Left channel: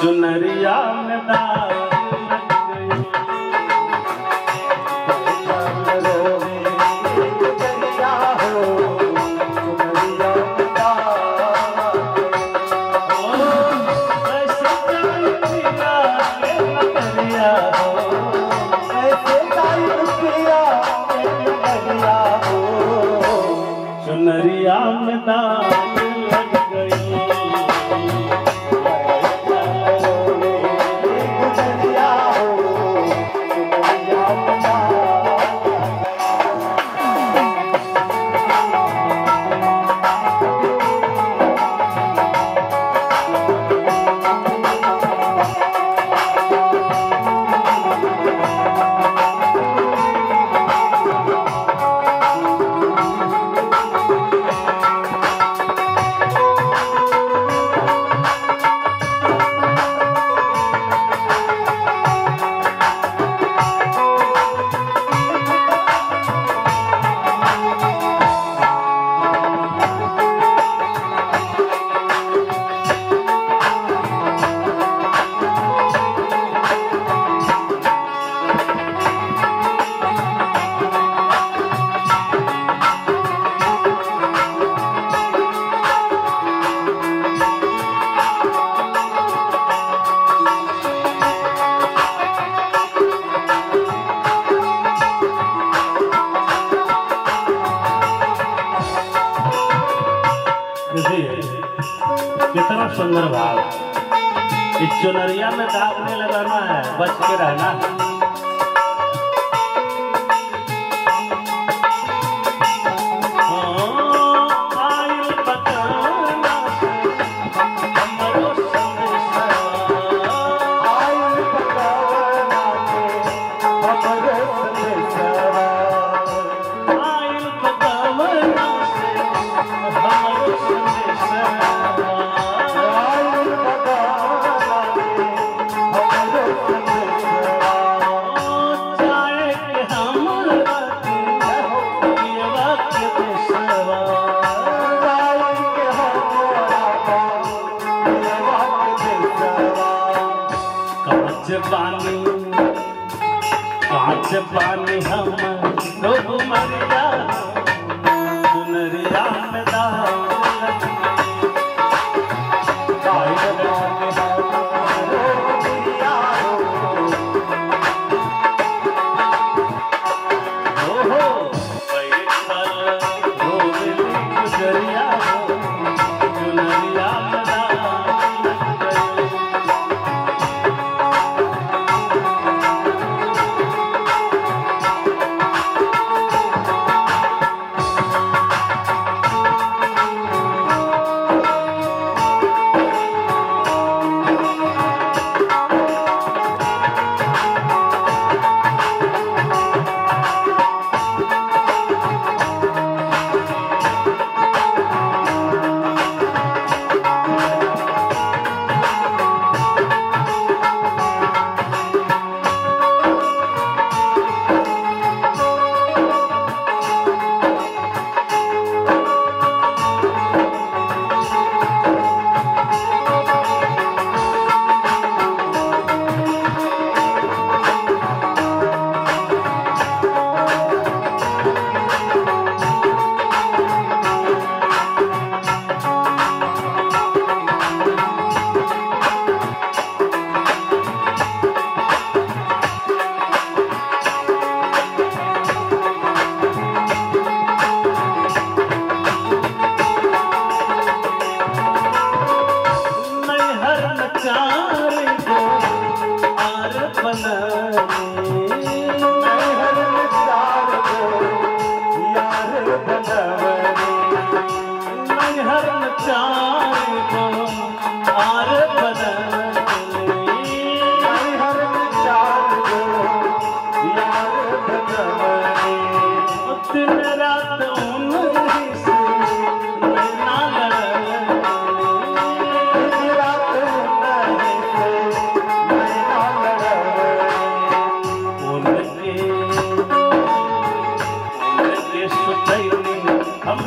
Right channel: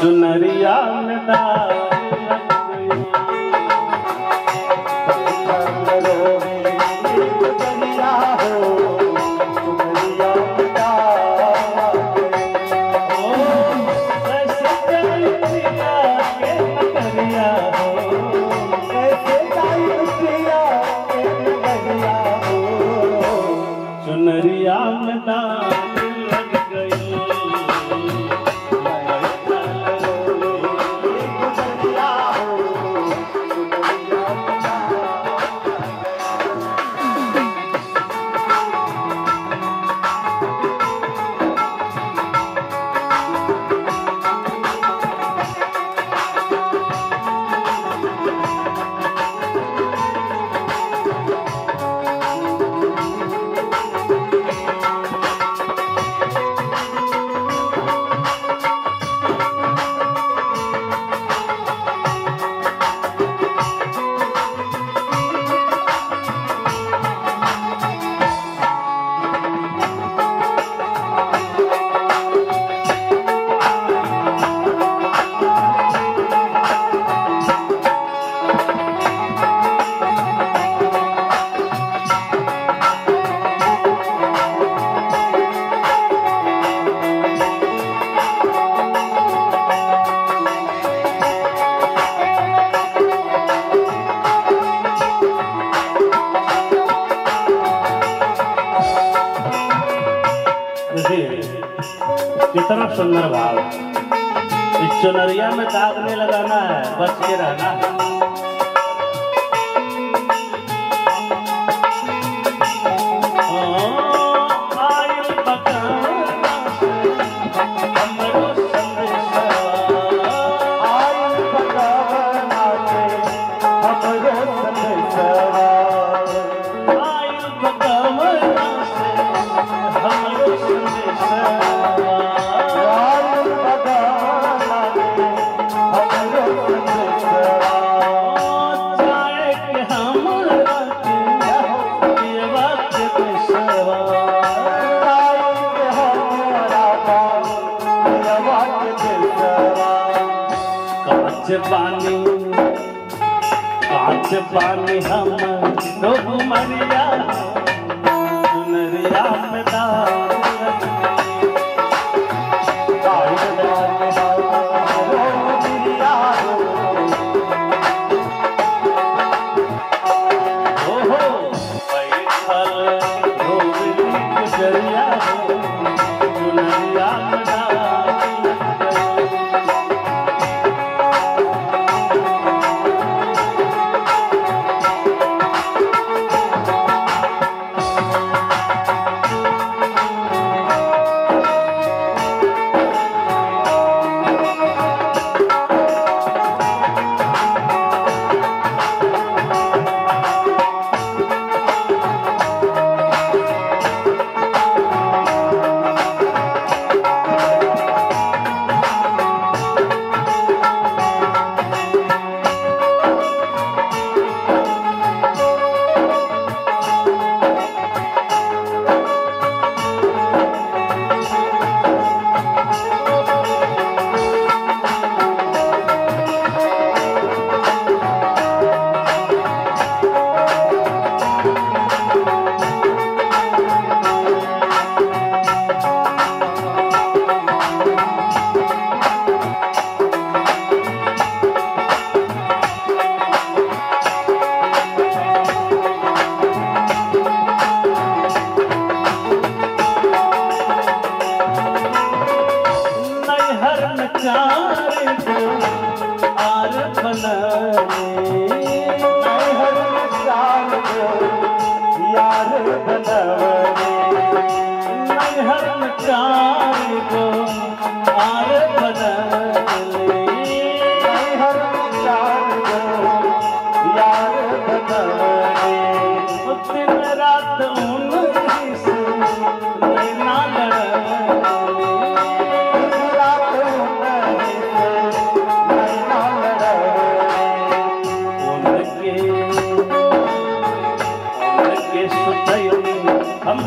चुनरिया में दाग लग चुनरिया में दाग लग गई। कितना सुंदर भाव। इस चुनरिया में दाग नहीं लगाना है, बच के रहना है। कांच पानी हम तो मरिया चुनरिया में हम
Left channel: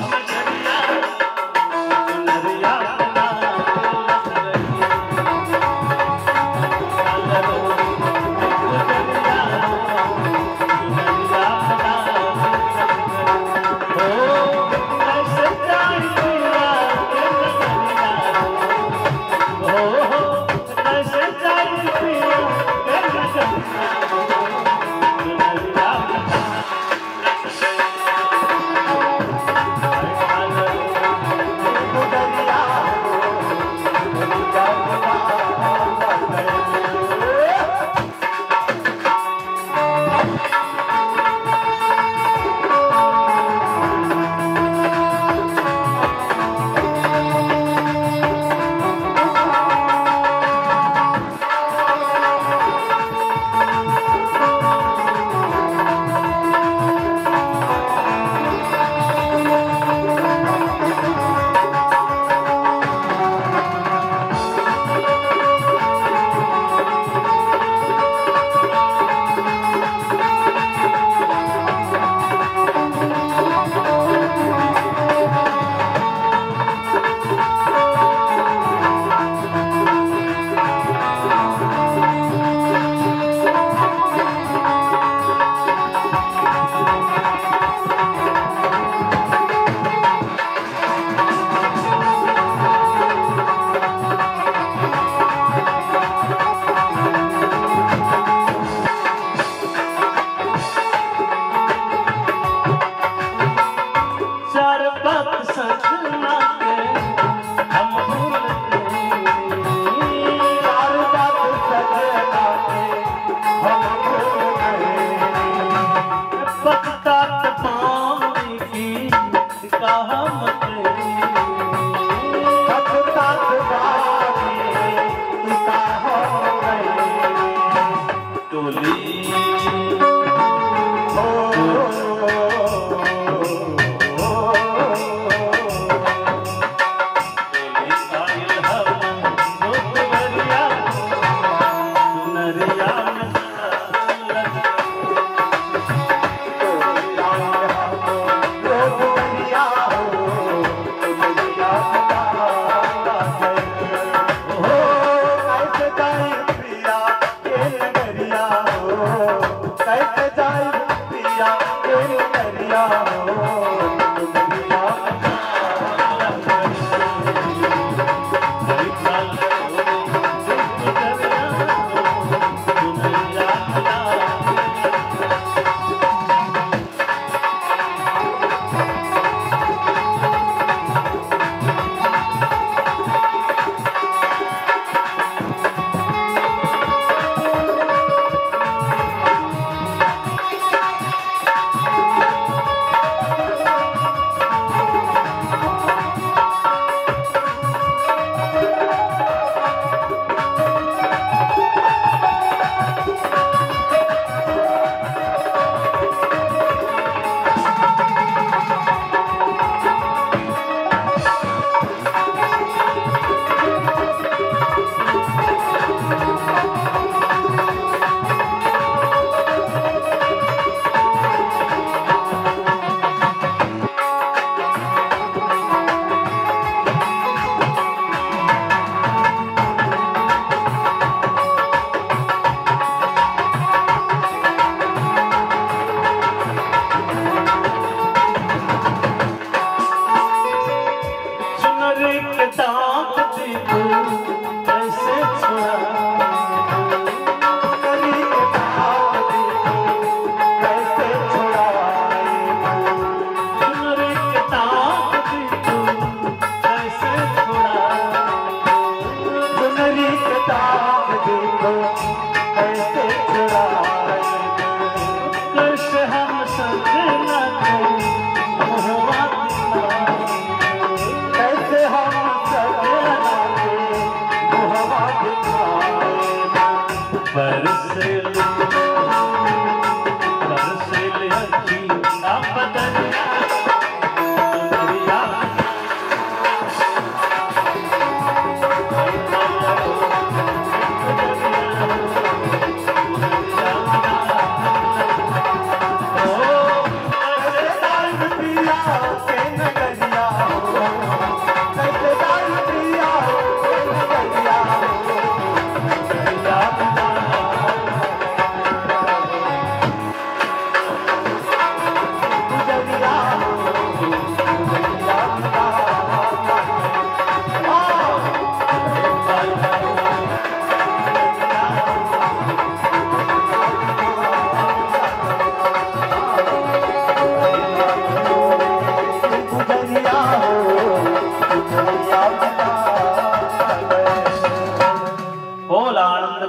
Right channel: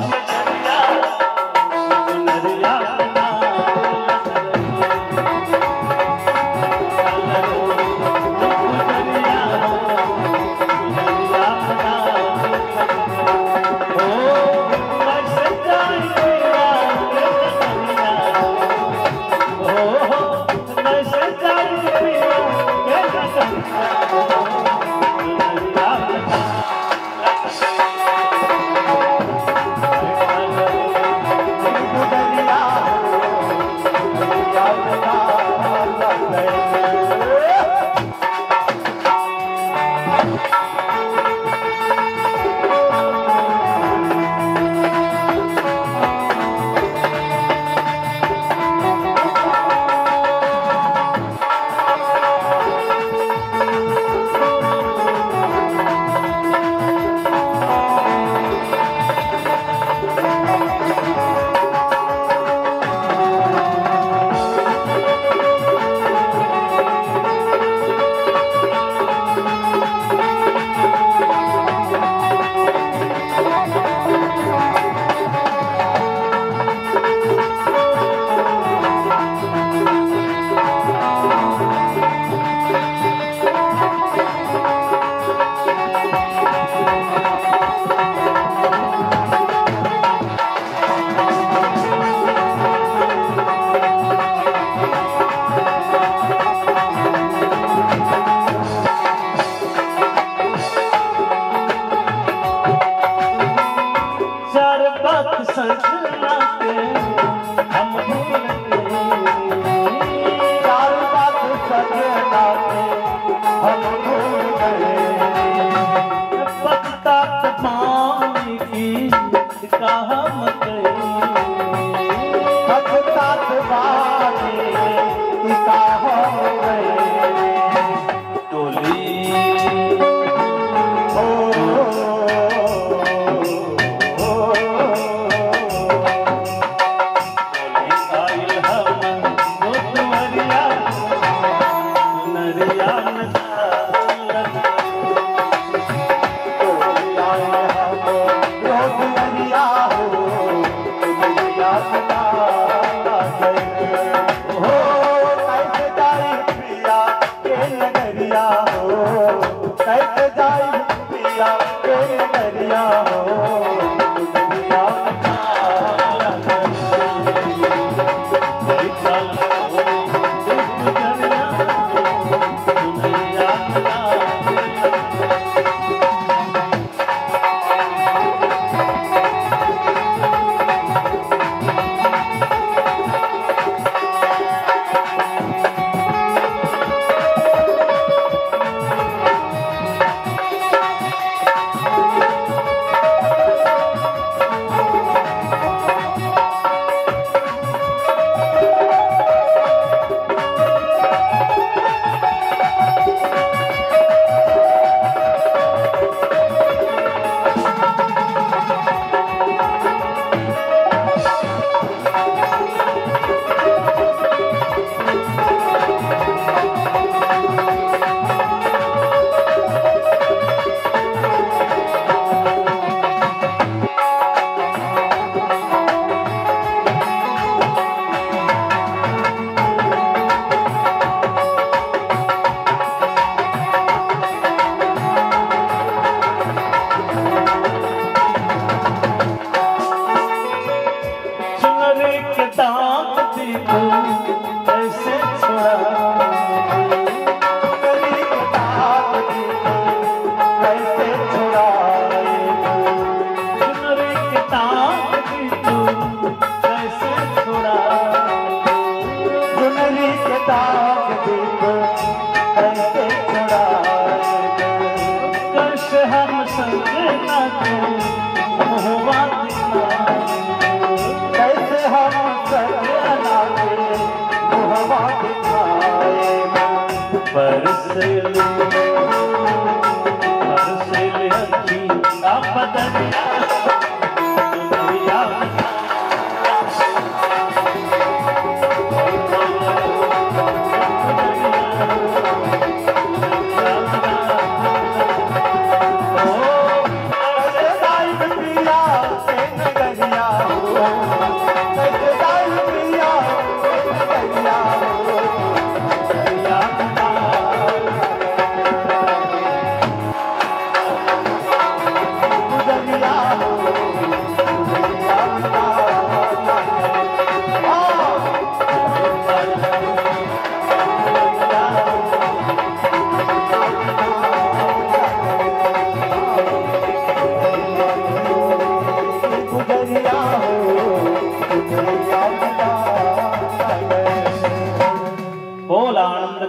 कैसे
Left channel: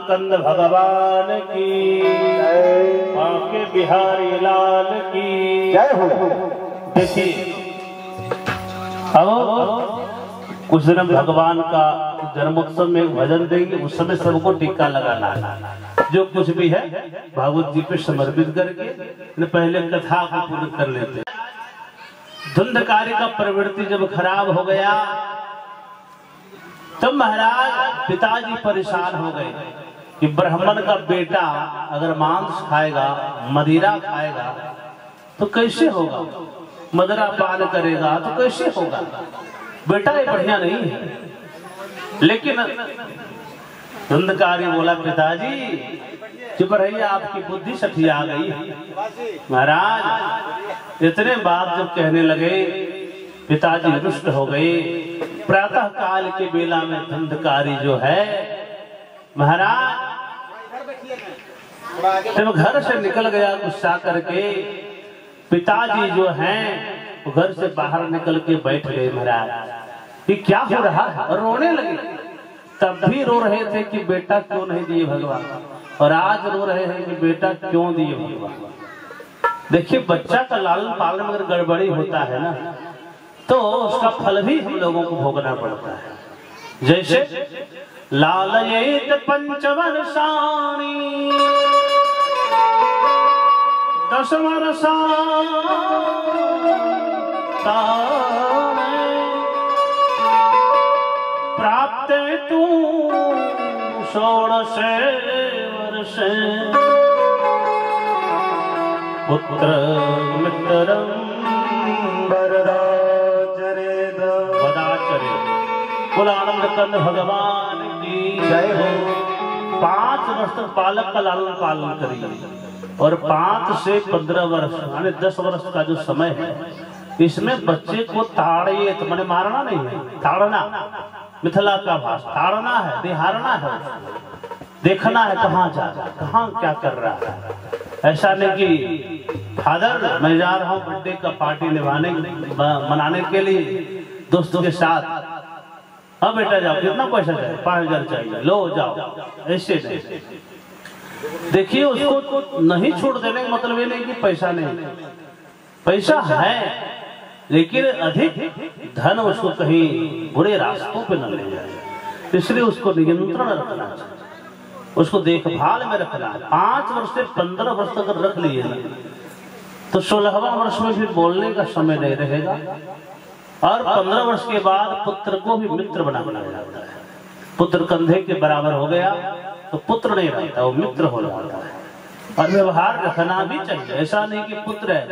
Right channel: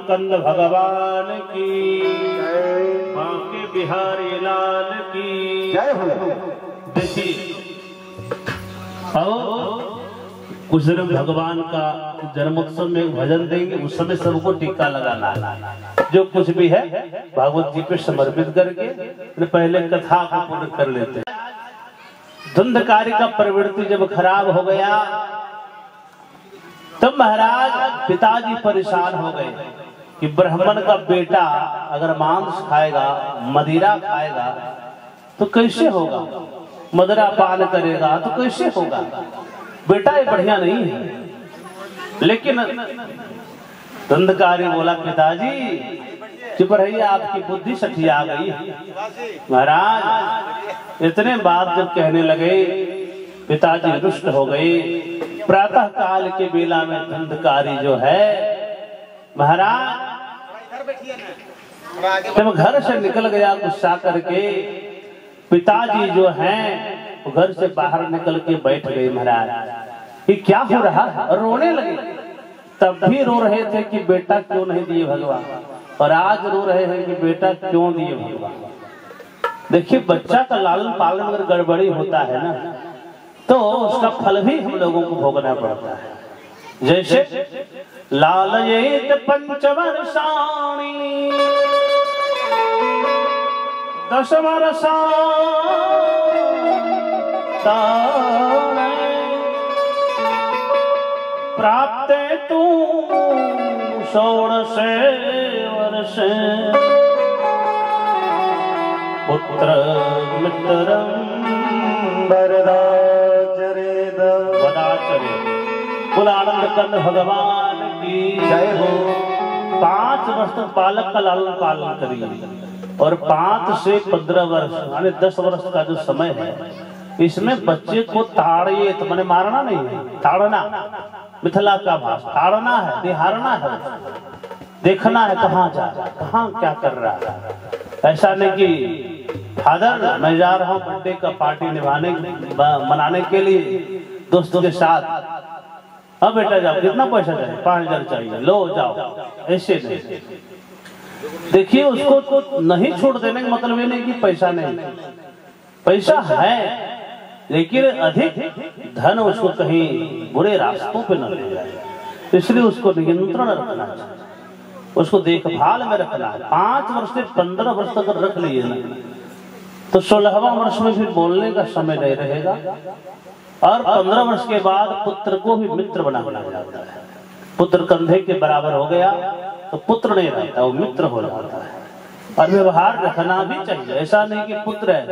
कंद भगवान की आके बिहारी लाल की जय हो। देखिए अब कुछ दिन भगवान का जन्मोत्सव में भजन देंगे, उस समय सबको टीका लगाना है। जो कुछ भी है भगवत जी को समर्पित करके पहले कथा को पूर्ण कर लेते हैं। धुंधकारी का प्रवृत्ति जब खराब हो गया तब महाराज पिताजी परेशान हो गए कि ब्राह्मण का बेटा अगर मांस खाएगा, मदिरा खाएगा तो कैसे होगा, मदिरा पान करेगा तो कैसे होगा, बेटा ये बढ़िया नहीं है। लेकिन धुंधकारी बोला पिताजी चुप रहिए, आपकी बुद्धि सठिया गई। महाराज इतने बात जब कहने लगे पिताजी रुष्ट हो गए। प्रातः काल के बेला में धुंधकारी जो है महाराज जब घर से निकल गया गुस्सा करके, पिताजी जो हैं घर से बाहर निकल के बैठ गए। महाराज ये क्या हो रहा है, और रोने लगे। तब भी रो रहे थे कि बेटा क्यों नहीं दिए भगवान, और आज रो रहे हैं कि बेटा क्यों दिए भगवान। देखिए बच्चा का लालन पालन अगर गड़बड़ी होता है ना तो उसका फल भी हम लोगों को भोगना पड़ता है। जैसे लालयेत पंचवर्षाणि 10 वर्षाणि प्राप्ते तु 16 वर्षे पुत्र मित्रं कुल आनंद कंद भगवान की जय हो। 5 वर्ष तक बालक का लालन पालन करिए और 5 से 15 वर्ष यानी 10 वर्ष का जो समय है इसमें बच्चे को ताड़िए, तो मैंने मारना नहीं है, ताड़ना मिथिला का भाषा, ताड़ना है, निहारना है, देखना है कहाँ जा रहा है, कहाँ क्या कर रहा है। ऐसा नहीं कि फादर मैं जा रहा हूँ बर्थडे का पार्टी मनाने के लिए दोस्तों के साथ, अब बेटा जाओ, कितना पैसा चाहिए, 5000 चाहिए, लो जाओ, ऐसे नहीं। देखिए उसको नहीं छोड़ देने का मतलब ये नहीं कि पैसा नहीं, पैसा है लेकिन अधिक धन उसको कहीं बुरे रास्तों पे न ले जाए, इसलिए उसको नियंत्रण रखना चाहिए, उसको देखभाल में रखना है। 5 वर्ष से 15 वर्ष तक रख लिए ना तो 16वां वर्ष में फिर बोलने का समय नहीं रहेगा, और 15 वर्ष के बाद पुत्र को भी मित्र बनाना पड़ता है। पुत्र कंधे के बराबर हो गया तो पुत्र नहीं रहता, वो मित्र हो जाता है। और व्यवहार रखना भी चाहिए, ऐसा नहीं कि पुत्र है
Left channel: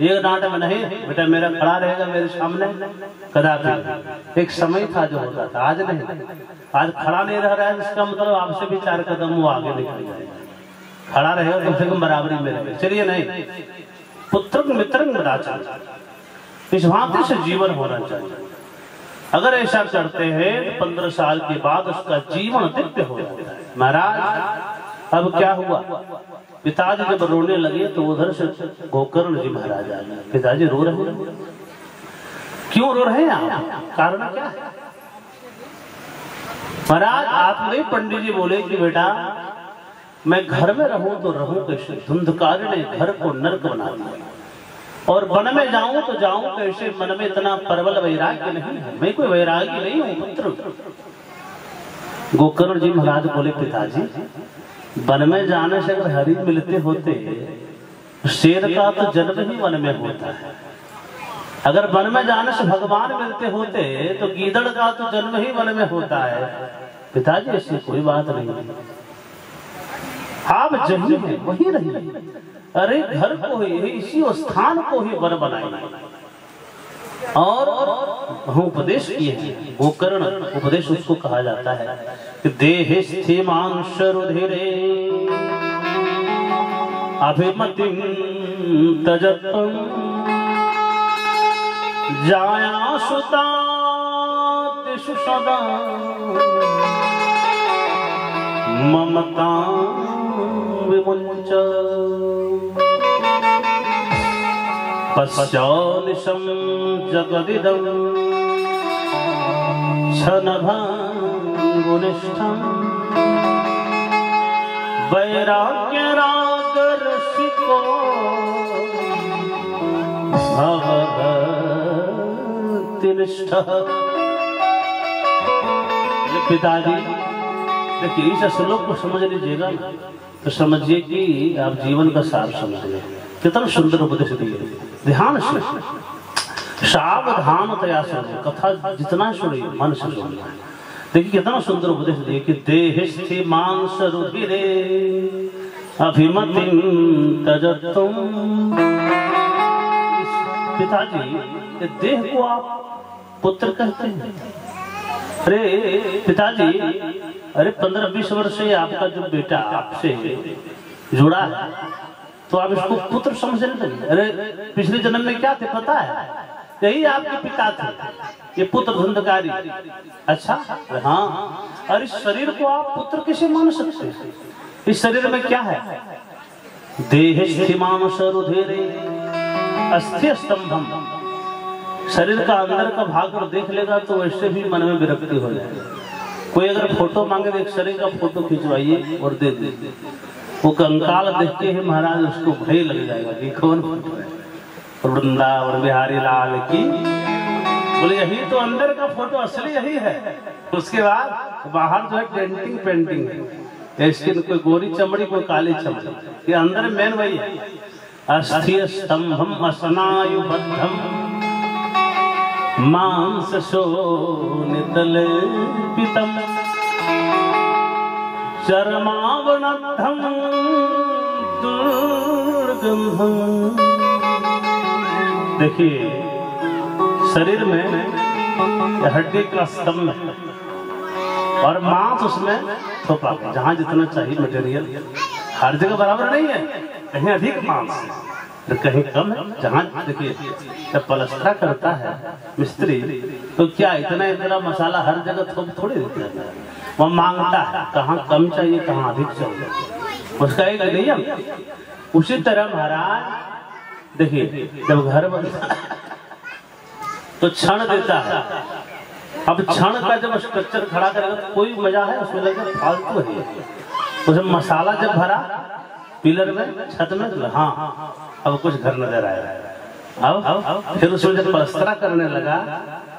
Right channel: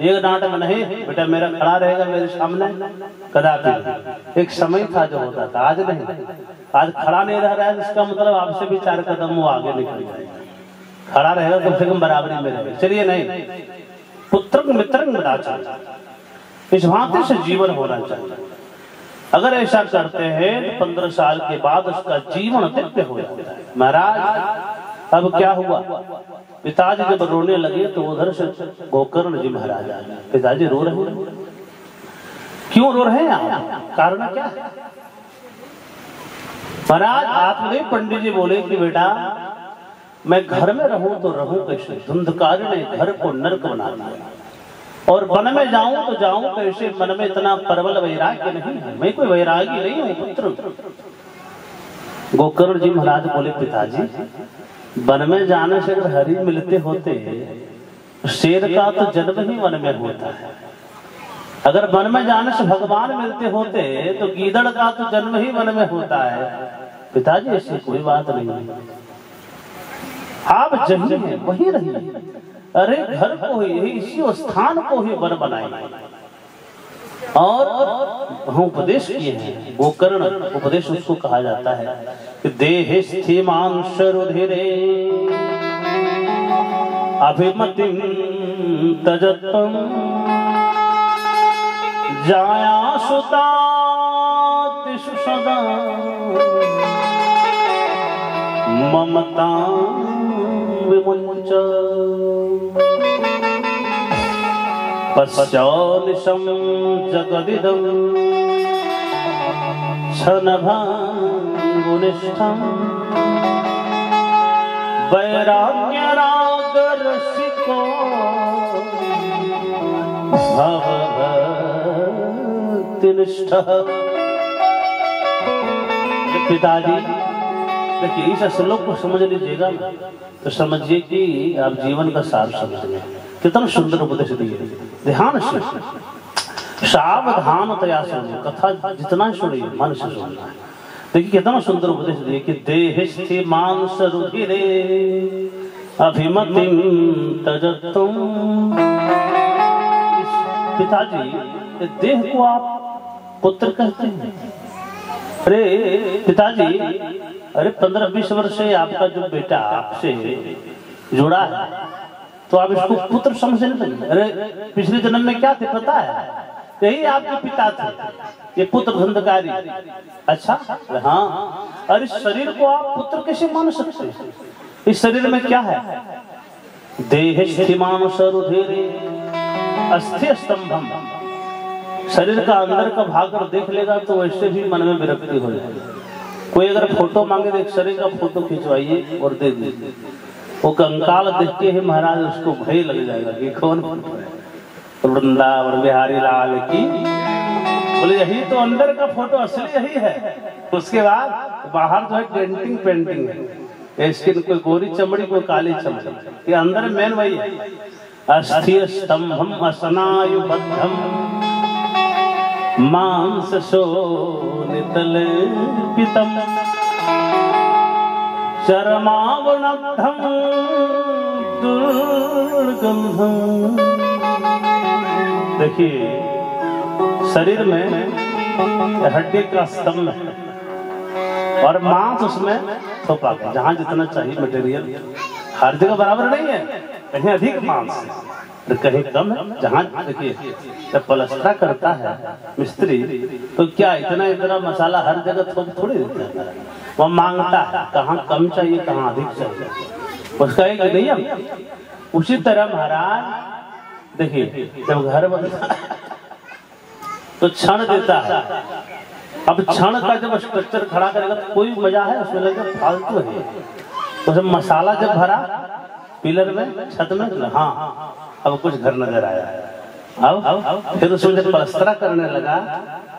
एक डांट में नहीं, बेटा मेरा खड़ा रहेगा मेरे सामने, कदापि। एक समय था जो होता था, आज नहीं। आज खड़ा नहीं रह रहा है इसका मतलब आपसे भी 4 कदम वो आगे निकल जाएगा, खड़ा रहेगा कम से कम बराबरी में रहेगा। चलिए नहीं, पुत्र मित्र बता चाहिए, इस भांति से जीवन होना चाहिए। अगर ऐसा करते हैं तो 15 साल के बाद उसका जीवन दिव्य हो जाता है। महाराज अब क्या हुआ, पिताजी जब रोने लगे तो उधर से गोकर्ण जी महाराज आ गए। पिताजी रो रहे हैं, क्यों रो रहे हैं आप, कारण क्या है? महाराज आप नहीं, पंडित जी बोले कि बेटा मैं घर में रहूं तो रहूं कैसे, धुंधकार ने घर को नरक बना दिया, और वन में जाऊं तो जाऊं कैसे, मन में इतना प्रबल वैराग्य नहीं है, मैं कोई वैरागी नहीं हूं पुत्र। गोकर्ण जी महाराज बोले पिताजी वन में जाने से अगर हरि मिलते होते, शेर का तो जन्म ही वन में होता है, अगर वन में जाने से भगवान मिलते होते तो गीदड़ का तो जन्म ही वन में होता है। पिताजी ऐसी कोई बात नहीं है, आप जहीं हैं वहीं रहिए, अरे घर को ही, इसी स्थान को ही वन बनाए। और उपदेश किए हैं, गोकर्ण उपदेश उसको कहा जाता है कि देह स्थिमांश रुधिरे अभिमतिं तजत्वं जाया सुतातिषु सदा ममतां विमुञ्च पश्चानिशं जगदिदं क्षणभङ्गुनिष्ठं वैराग्यरागरसिको भवभक्तिनिष्ठः। पिताजी देखिए इस श्लोक को समझ लीजिएगा तो समझिए कि आप जीवन का सार समझिए। कितना सुंदर उपदेश दिए, ध्यान से सावधानतया सुनिए, कथा जितना सुनिए मन से सुनना है। देखिए कितना सुंदर उपदेश दिए कि देह स्थिमांश रुधिरे अभिमतिं तजत्वं। पिताजी देह को आप पुत्र कहते हैं। अरे पिताजी, अरे 15-20 वर्ष से आपका जो बेटा आपसे जुड़ा है तो आप इसको पुत्र समझ नहीं लगे। अरे पिछले जन्म में क्या थे पता है, यही आपके पिता थे, ये पुत्र धुंधकारी। अच्छा हाँ, और इस शरीर को आप पुत्र कैसे मान सकते हैं? इस शरीर में क्या है, देह स्थिमांश रुधिरे अस्थि स्तंभम। शरीर का अंदर का भाग कर देख लेगा तो वैसे भी मन में विरक्ति हो जाएगी। कोई अगर फोटो मांगे तो एक शरीर का फोटो खिंचवाइए और दे दीजिए, वो कंकाल देख के ही महाराज उसको भय लग जाएगा कि कौन फोटो है। वृंदावन बिहारी लाल की, बोले यही तो अंदर का फोटो असली यही है। उसके बाद बाहर जो है डेंटिंग पेंटिंग है, स्किन कोई गोरी चमड़ी कोई काली चमड़ी, ये अंदर मेन वही है। अस्थिर स्तंभम असनायुबद्धम मांस शोणितलेपितम चरमावनद्धं दुर्गंधं। देखिए शरीर में हड्डी का स्तंभ है और मांस उसमें थोपा, जहां जितना चाहिए मटेरियल, हर जगह बराबर नहीं है, कहीं अधिक मांस तो कहीं कम है। जहां देखिए जब पलस्तर करता है मिस्त्री तो क्या इतना मसाला हर जगह थोड़ी देता है, वो मांगता है कहाँ कम चाहिए कहाँ अधिक चाहिए, उसका एक नियम। उसी तरह महाराज देखिए जब घर बनता है तो क्षण देता है। अब क्षण का जब स्ट्रक्चर खड़ा करेगा तो कोई मजा है उसमें, लगे फालतू है। उसमें मसाला जब भरा पिलर में छत में, हाँ अब कुछ घर नजर आया। अब फिर उसमें जब पलस्तरा करने लगा,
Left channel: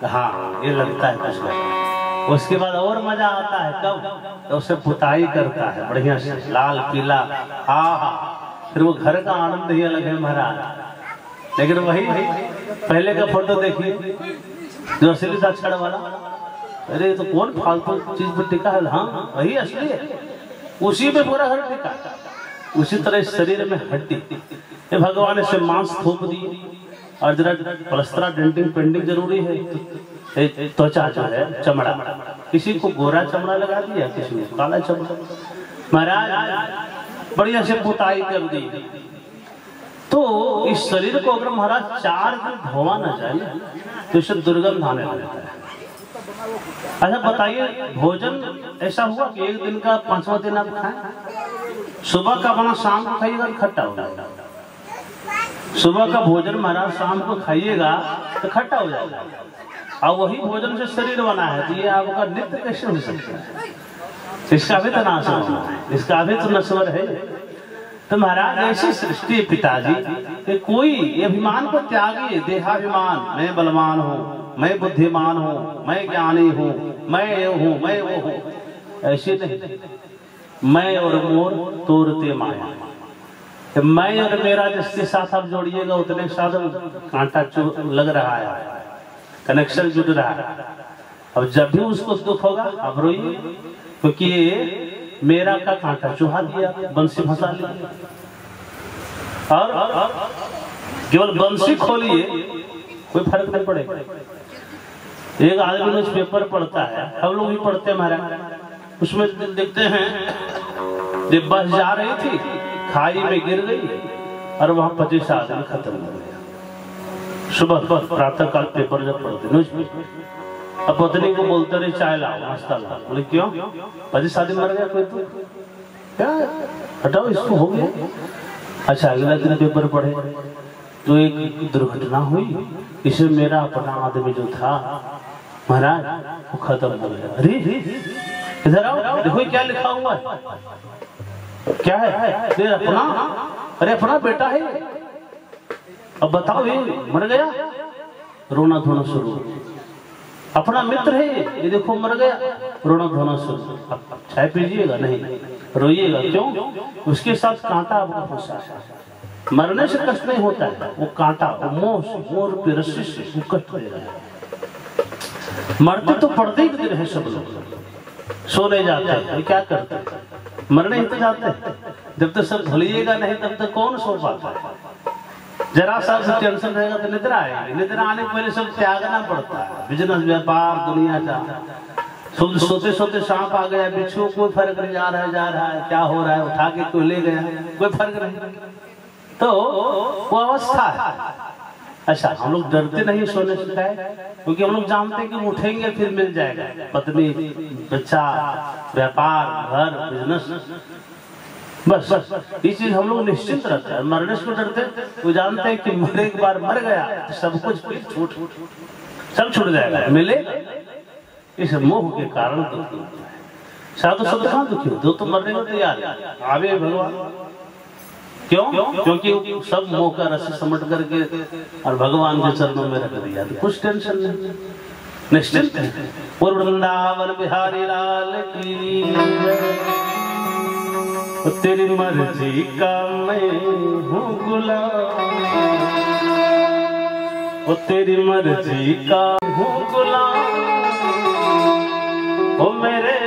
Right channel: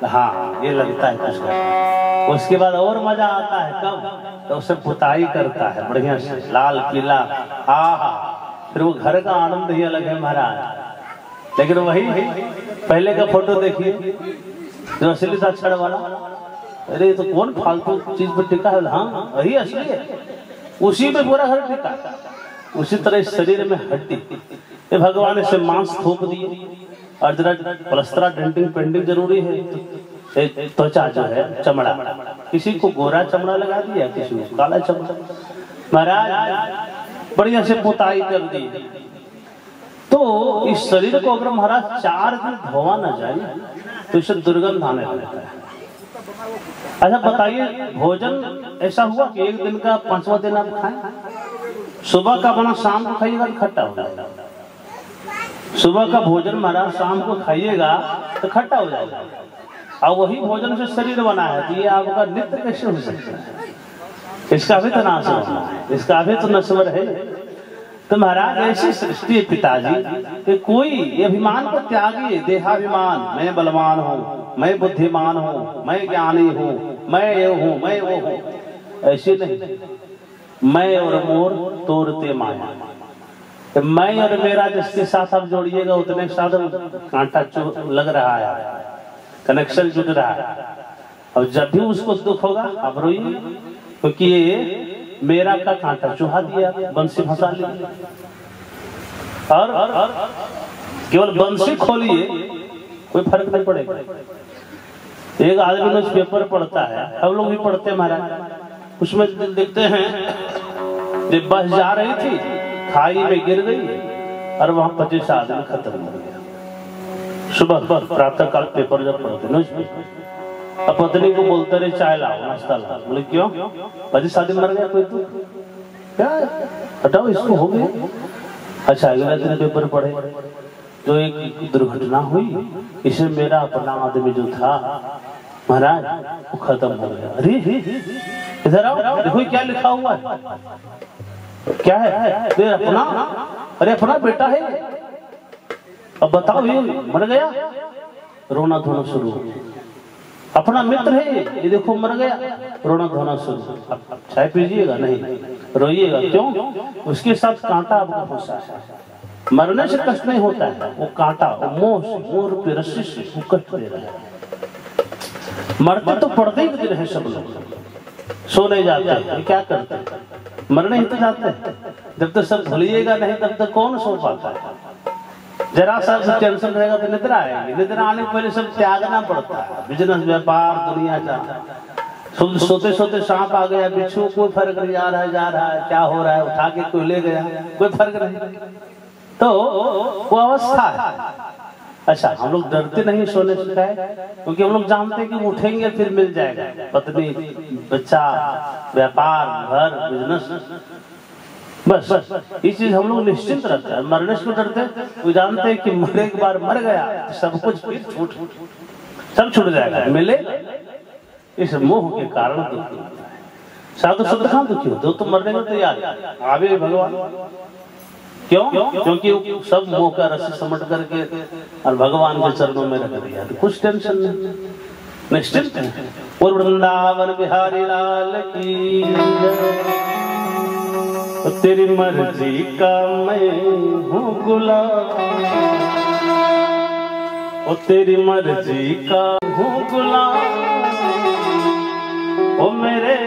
हाँ ये लगता है कुछ घर। उसके बाद और मजा आता है कब, तो उसे पुताई करता है बढ़िया से लाल पीला, फिर वो घर का आनंद ही अलग है महाराज। लेकिन वही पहले का फोटो देखिए जो असली था छड़ वाला, अरे तो कौन फालतू चीज पर टिका है, हाँ वही असली है, उसी पे पूरा घर टिका। उसी तरह शरीर में हड्डी, ये भगवान ने मांस थोप दिए और जरा पलस्तरा डेंटिंग पेंटिंग जरूरी है। त्वचा जो है चमड़ा, किसी को गोरा चमड़ा लगा दिया, किसी को काला चमड़ा। महाराज बढ़िया से पुताई कर दी। तो इस शरीर को अगर महाराज 4 दिन धोवा ना जाए तो इसे दुर्गंध आने लगता है। अच्छा बताइए, भोजन ऐसा हुआ कि एक दिन का 5वां दिन आप खाएं? सुबह का बना शाम को खाइएगा तो खट्टा हो जाएगा। सुबह का भोजन महाराज शाम को खाइएगा तो खट्टा हो जाएगा, और वही भोजन से शरीर बना है, तो ये आपका नित्य कैसे हो सकता है? इसका भी तो नाश होना है, इसका भी तो नश्वर है। तो महाराज ऐसी सृष्टि है पिताजी कि कोई अभिमान को त्यागिए, देहाभिमान, मैं बलवान हूँ, मैं बुद्धिमान हूँ, मैं ज्ञानी हूँ, मैं ये हूँ, मैं वो हूँ, ऐसे नहीं। मैं और मोर तोड़ते माया, मैं और मेरा जिसके साथ आप जोड़िएगा उतने साथ कांटा लग रहा है, कनेक्शन जुड़ रहा है। अब जब भी उसको दुख होगा आप रोइए, क्योंकि ये मेरा का कांटा चुहा दिया, बंसी फंसा लिया। और केवल बंसी खोलिए कोई फर्क नहीं पड़ेगा। एक आदमी रोज पेपर पढ़ता है, हम लोग भी पढ़ते हैं महाराज, उसमें देखते हैं कि बस जा रही थी, खाई में गिर गई और वहां 25 आदमी खत्म हो गया। सुबह प्रातः काल पेपर जब पढ़ते, अब पत्नी को बोलते रहे चाय लाओ, नाश्ता लाओ। बोले क्यों? 25 आदमी मर गया, कोई दुख क्या? हटाओ, इसको हो गया। अच्छा, अगला दिन पेपर पढ़े तो एक दुर्घटना हुई, इसमें मेरा अपना आदमी जो था महाराज वो खत्म हो गया। अरे इधर आओ, देखो क्या लिखा हुआ है, क्या है? अपना, अरे अपना बेटा है। अब बताओ, ये मर गया, रोना धोना शुरू। अपना मित्र है, ये देखो मर गया, रोना धोना शुरू। अब चाय पीजिएगा नहीं, रोइएगा क्यों? उसके साथ कांटा आपका फंसा है। मरने से कष्ट नहीं होता है, वो कांटा, वो मोह से, मोर पे रस्सी से वो कष्ट दे रहा है। मरते तो पड़ते ही दिन है सब लोग, सो नहीं जाते हैं, क्या करते हैं? मरने ही तो जाते हैं। जब तक सब भूलिएगा नहीं तब तक कौन सो पाता है? जरा सा टेंशन रहेगा तो निद्रा आएगी, निद्रा आने के पहले सब त्यागना पड़ता है। बिजनेस, व्यापार, दुनिया का सोते सोते सांप आ गया, बिच्छू, कोई फर्क नहीं, जा रहा है, क्या हो रहा है, उठा के कोई ले गया, कोई फर्क नहीं। तो वो अवस्था है। अच्छा, हम लोग डरते नहीं सोने से, क्योंकि हम लोग जानते कि उठेंगे फिर मिल जाएगा, पत्नी, बच्चा, व्यापार, घर, बिजनेस, बस ये चीज हम लोग निश्चिंत रखते हैं। मरने से डरते, वो जानते हैं कि मरे एक बार मर गया तो सब कुछ सब छूट जाएगा, मिले। इस मोह के कारण दुखी होता है। साधु शब्द कहाँ दुखी होते हो? तो मरने में तैयार आवे भगवान, क्यों? क्योंकि सब मोह का रस्सी समझ करके और भगवान के चरणों में रख दिया, तो कुछ टेंशन नहीं, निश्चिंत है। और वृंदावन बिहारी लाल की, तेरी मर्जी का मैं हूँ गुलाम, ओ तेरी मर्जी का हूँ गुलाम, ओ मेरे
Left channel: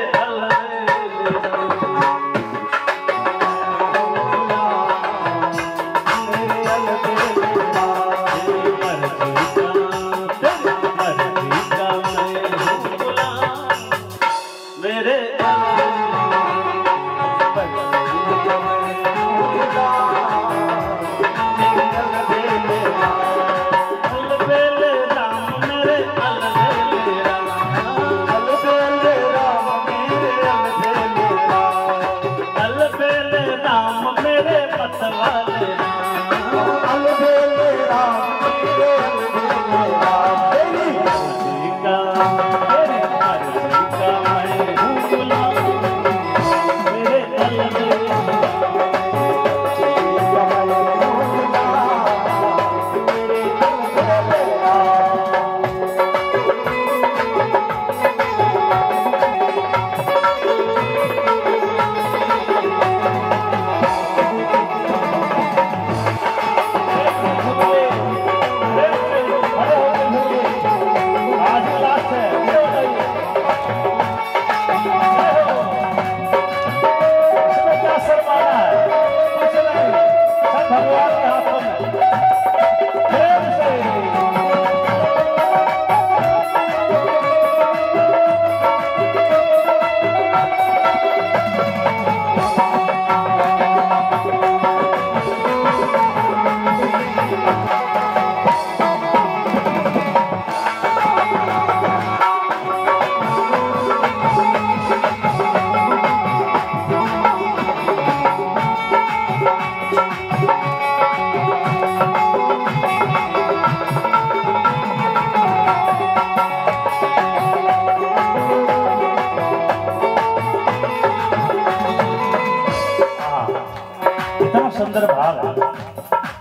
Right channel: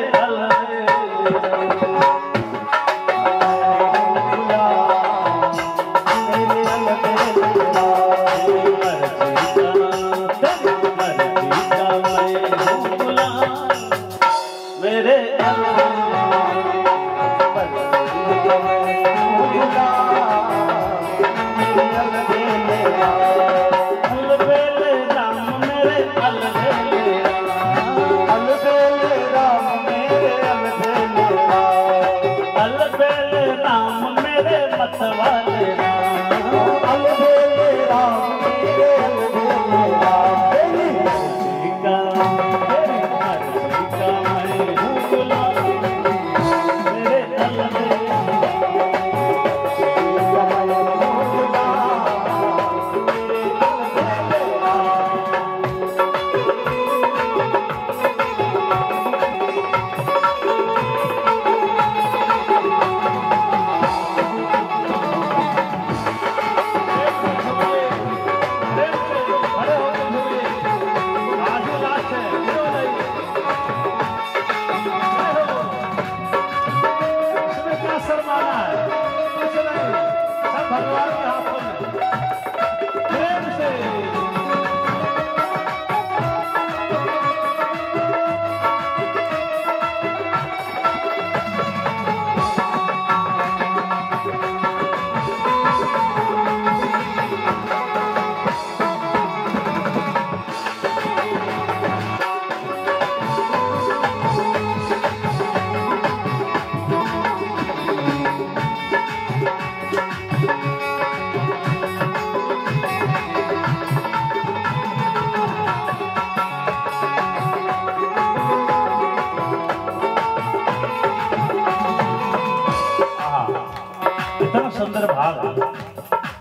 सुंदर भाव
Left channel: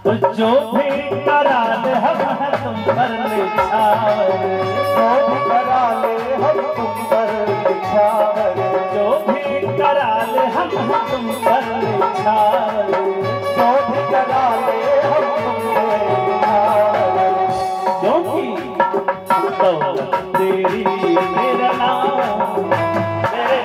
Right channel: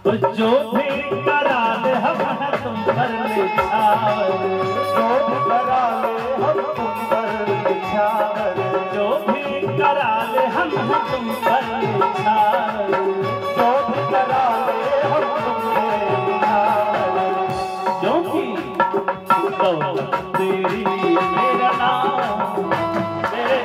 तो जो भी करा ले हम तुम पर निछावर, जो भी करा ले हम तुम पर निछावर, जो भी करा ले हम तुम पर निछावर, जो भी करा ले हम तुम पर निछावर, क्योंकि तो तेरी मेरा नाम तेरे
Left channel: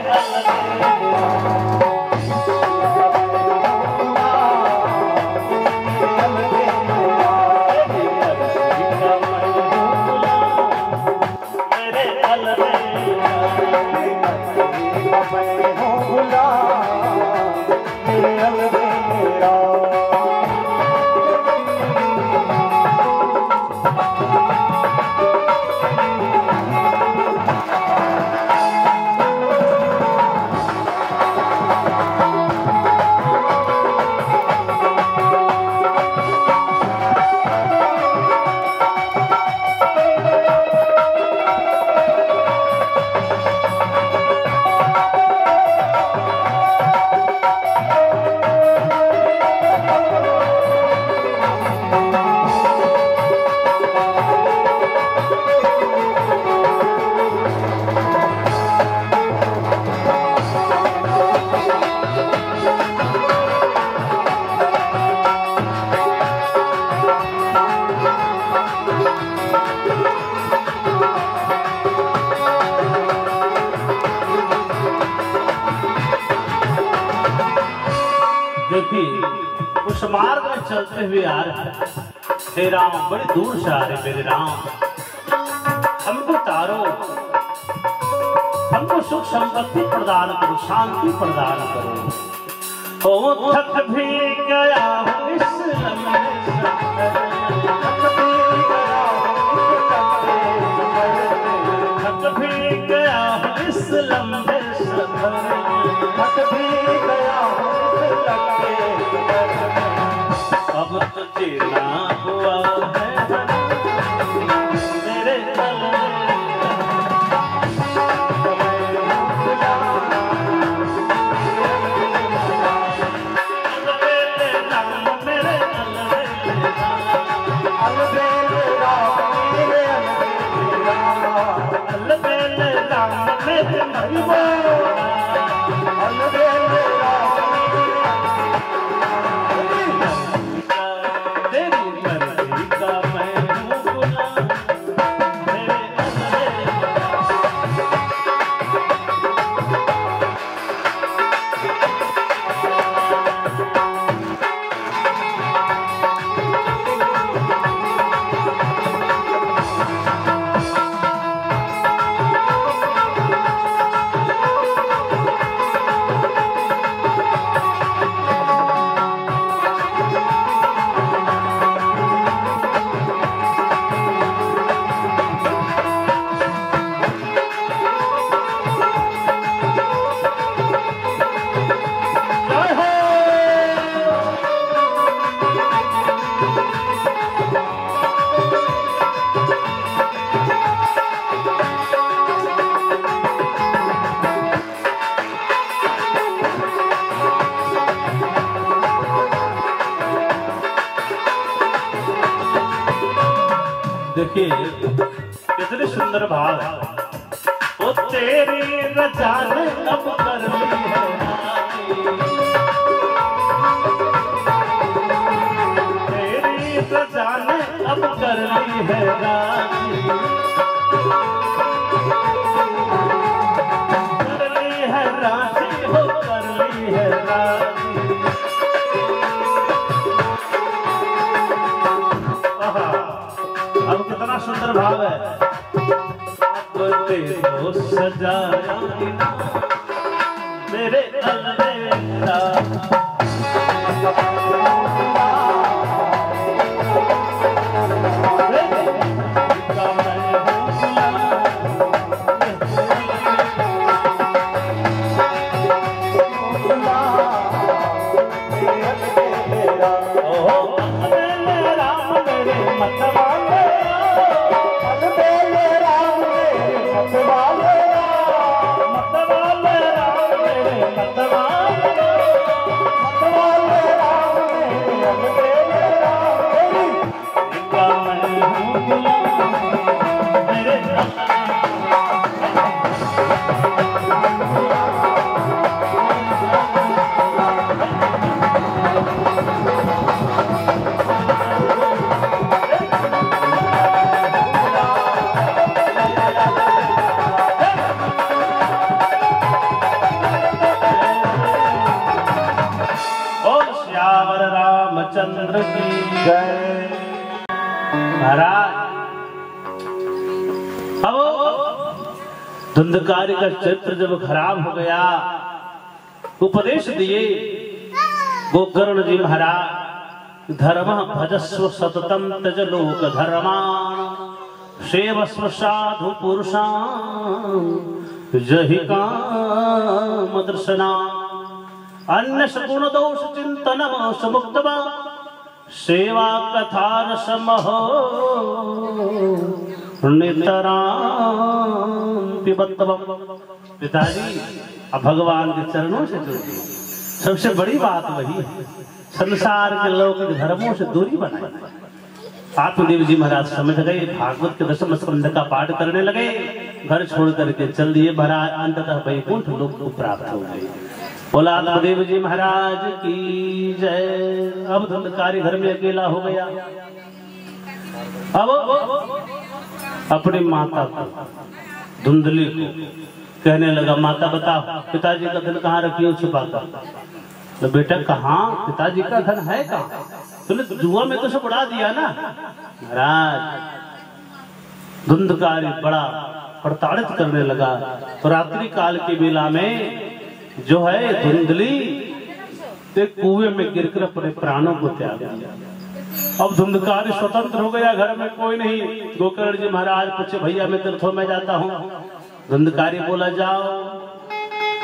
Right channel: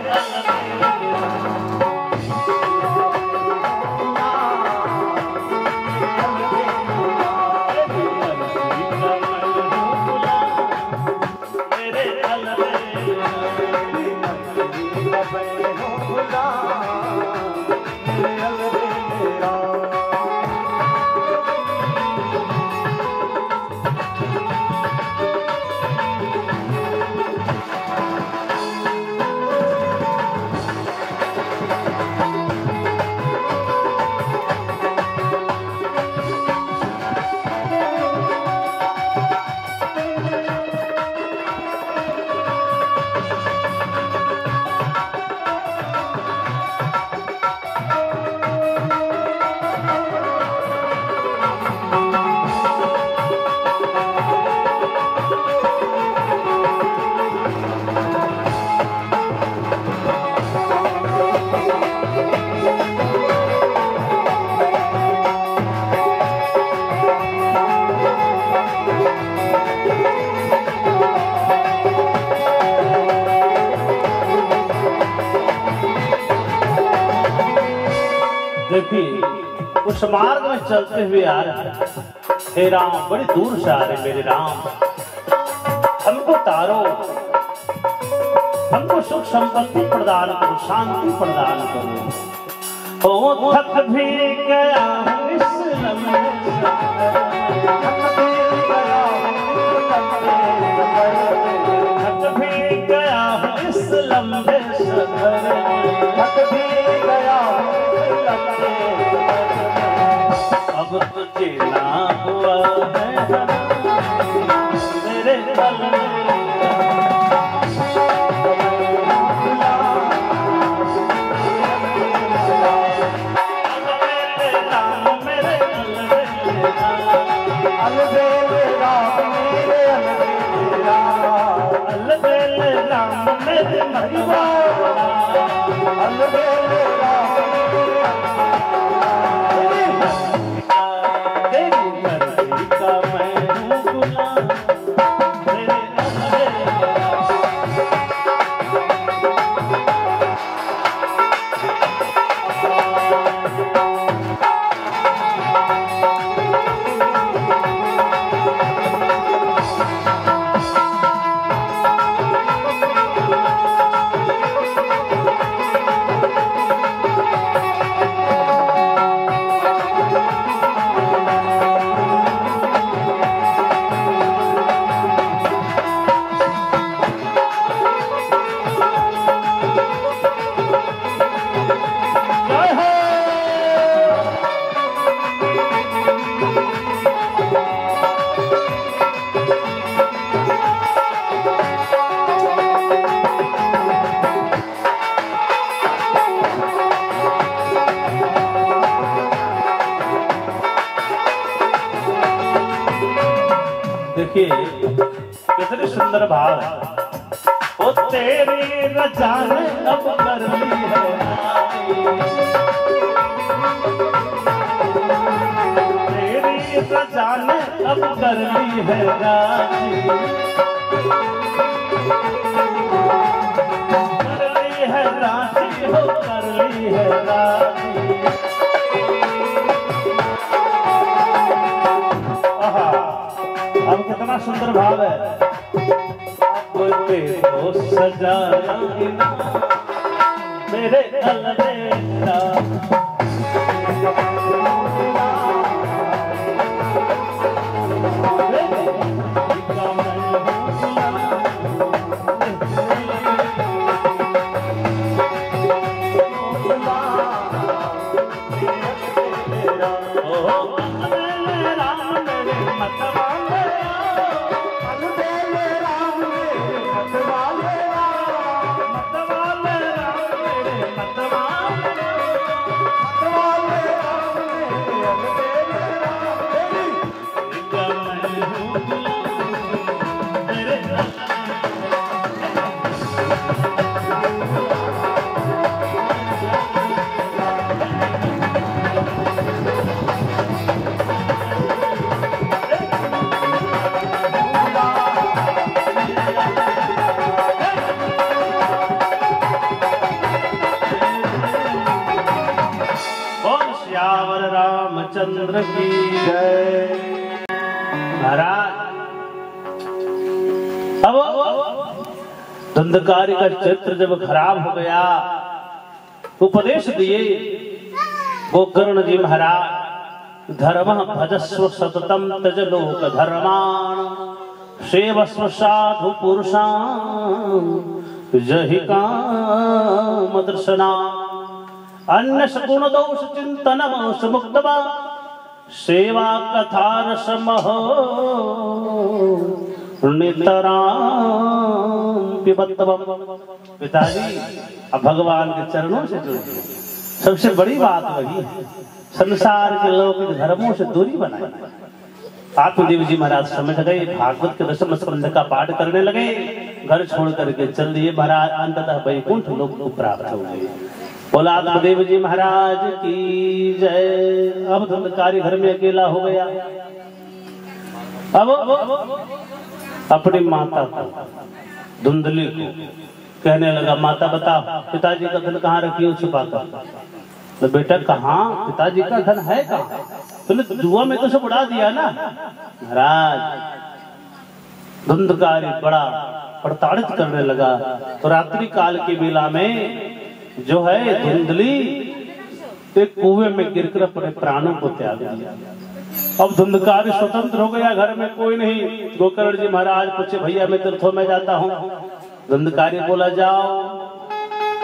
देखिए उस मार्ग में चलते हुए आ रहे हैं। हे राम बड़ी दूर से आ रहे मेरे राम, हमको तारो, हमको सुख संपत्ति प्रदान करो, शांति प्रदान करो। ओ थक भी गया इस लम्हे सफर, थक भी गया इस लम्हे सफर, थक भी गया अब तुझे ना हुआ है मेरे दिल में देखिए कितने सुंदर भाव है। ओ तेरी रजा ने अब कर ली है तेरी रजा ने अब कर ली है राजी, कर ली है राजी हो कर ली है राजी। अब कितना सुंदर भाव है। वो सजाना मेरे अलवेला रामचंद्र की जय। महाराज अब धुंधकारी का चरित्र जब खराब हो गया, उपदेश दिए गोकर्ण जी महाराज, धर्म भजस्व सततम तज लोक धर्मान, सेवस्व साधु पुरुषां जहि काम दर्शना, अन्य सगुण दोष चिंतन समुक्तवा, सेवा कथा रसमहो पिताजी अब भगवान के चरणों से जुड़िए। सबसे बड़ी बात वही है, संसार के लौकिक धर्मों से दूरी बनाए। आत्मदेव जी महाराज समझ गए, भागवत के दशम स्कंध का पाठ करने लगे, घर छोड़ करके चल दिए महाराज, अंततः वैकुंठ लोक को प्राप्त हो गए। बोला आत्मदेव जी महाराज की जय। अब धुंधकारी घर में अकेला हो गया। अब अपनी माता को, धुंधली को कहने लगा, माता बताओ पिताजी का धन कहाँ रखी हो छुपा कर? तो बेटा कहाँ, पिताजी का धन है कहाँ? तूने जुआ में तो सब उड़ा दिया ना। महाराज धुंधकारी बड़ा प्रताड़ित करने लगा। तो रात्रि काल की बेला में जो है धुंधली एक कुएं में गिरकर अपने प्राणों को त्याग दिया। अब धुंधकारी स्वतंत्र हो गया, घर में कोई नहीं। गोकर्ण जी महाराज पूछे, भैया मैं तीर्थों में जाता हूँ। धुंधकारी बोला जाओ।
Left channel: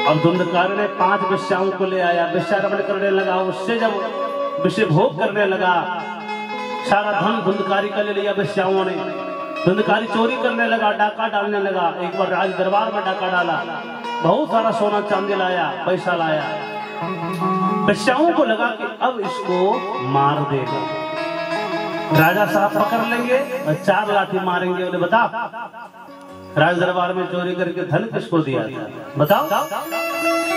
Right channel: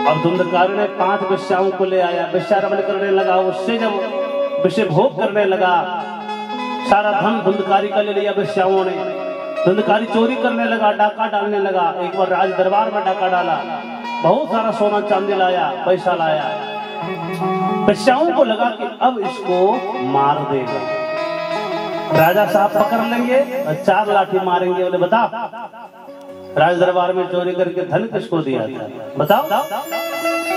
अब धुंधकारी ने 5 वेश्याओं को ले आया, वेश्यारमण करने लगा। उससे जब विषय भोग करने लगा, सारा धन धुंधकारी का ले लिया वेश्याओं ने। धुंधकारी चोरी करने लगा, डाका डालने लगा। एक बार राज दरबार में डाका डाला, बहुत सारा सोना चांदी लाया, पैसा लाया। वेश्याओं को लगा कि अब इसको मार देगा, राजा साहब पकड़ लेंगे और 4 लाठी मारेंगे। बोले बताओ राज दरबार में चोरी करके धन किसको दिया था, बताओ।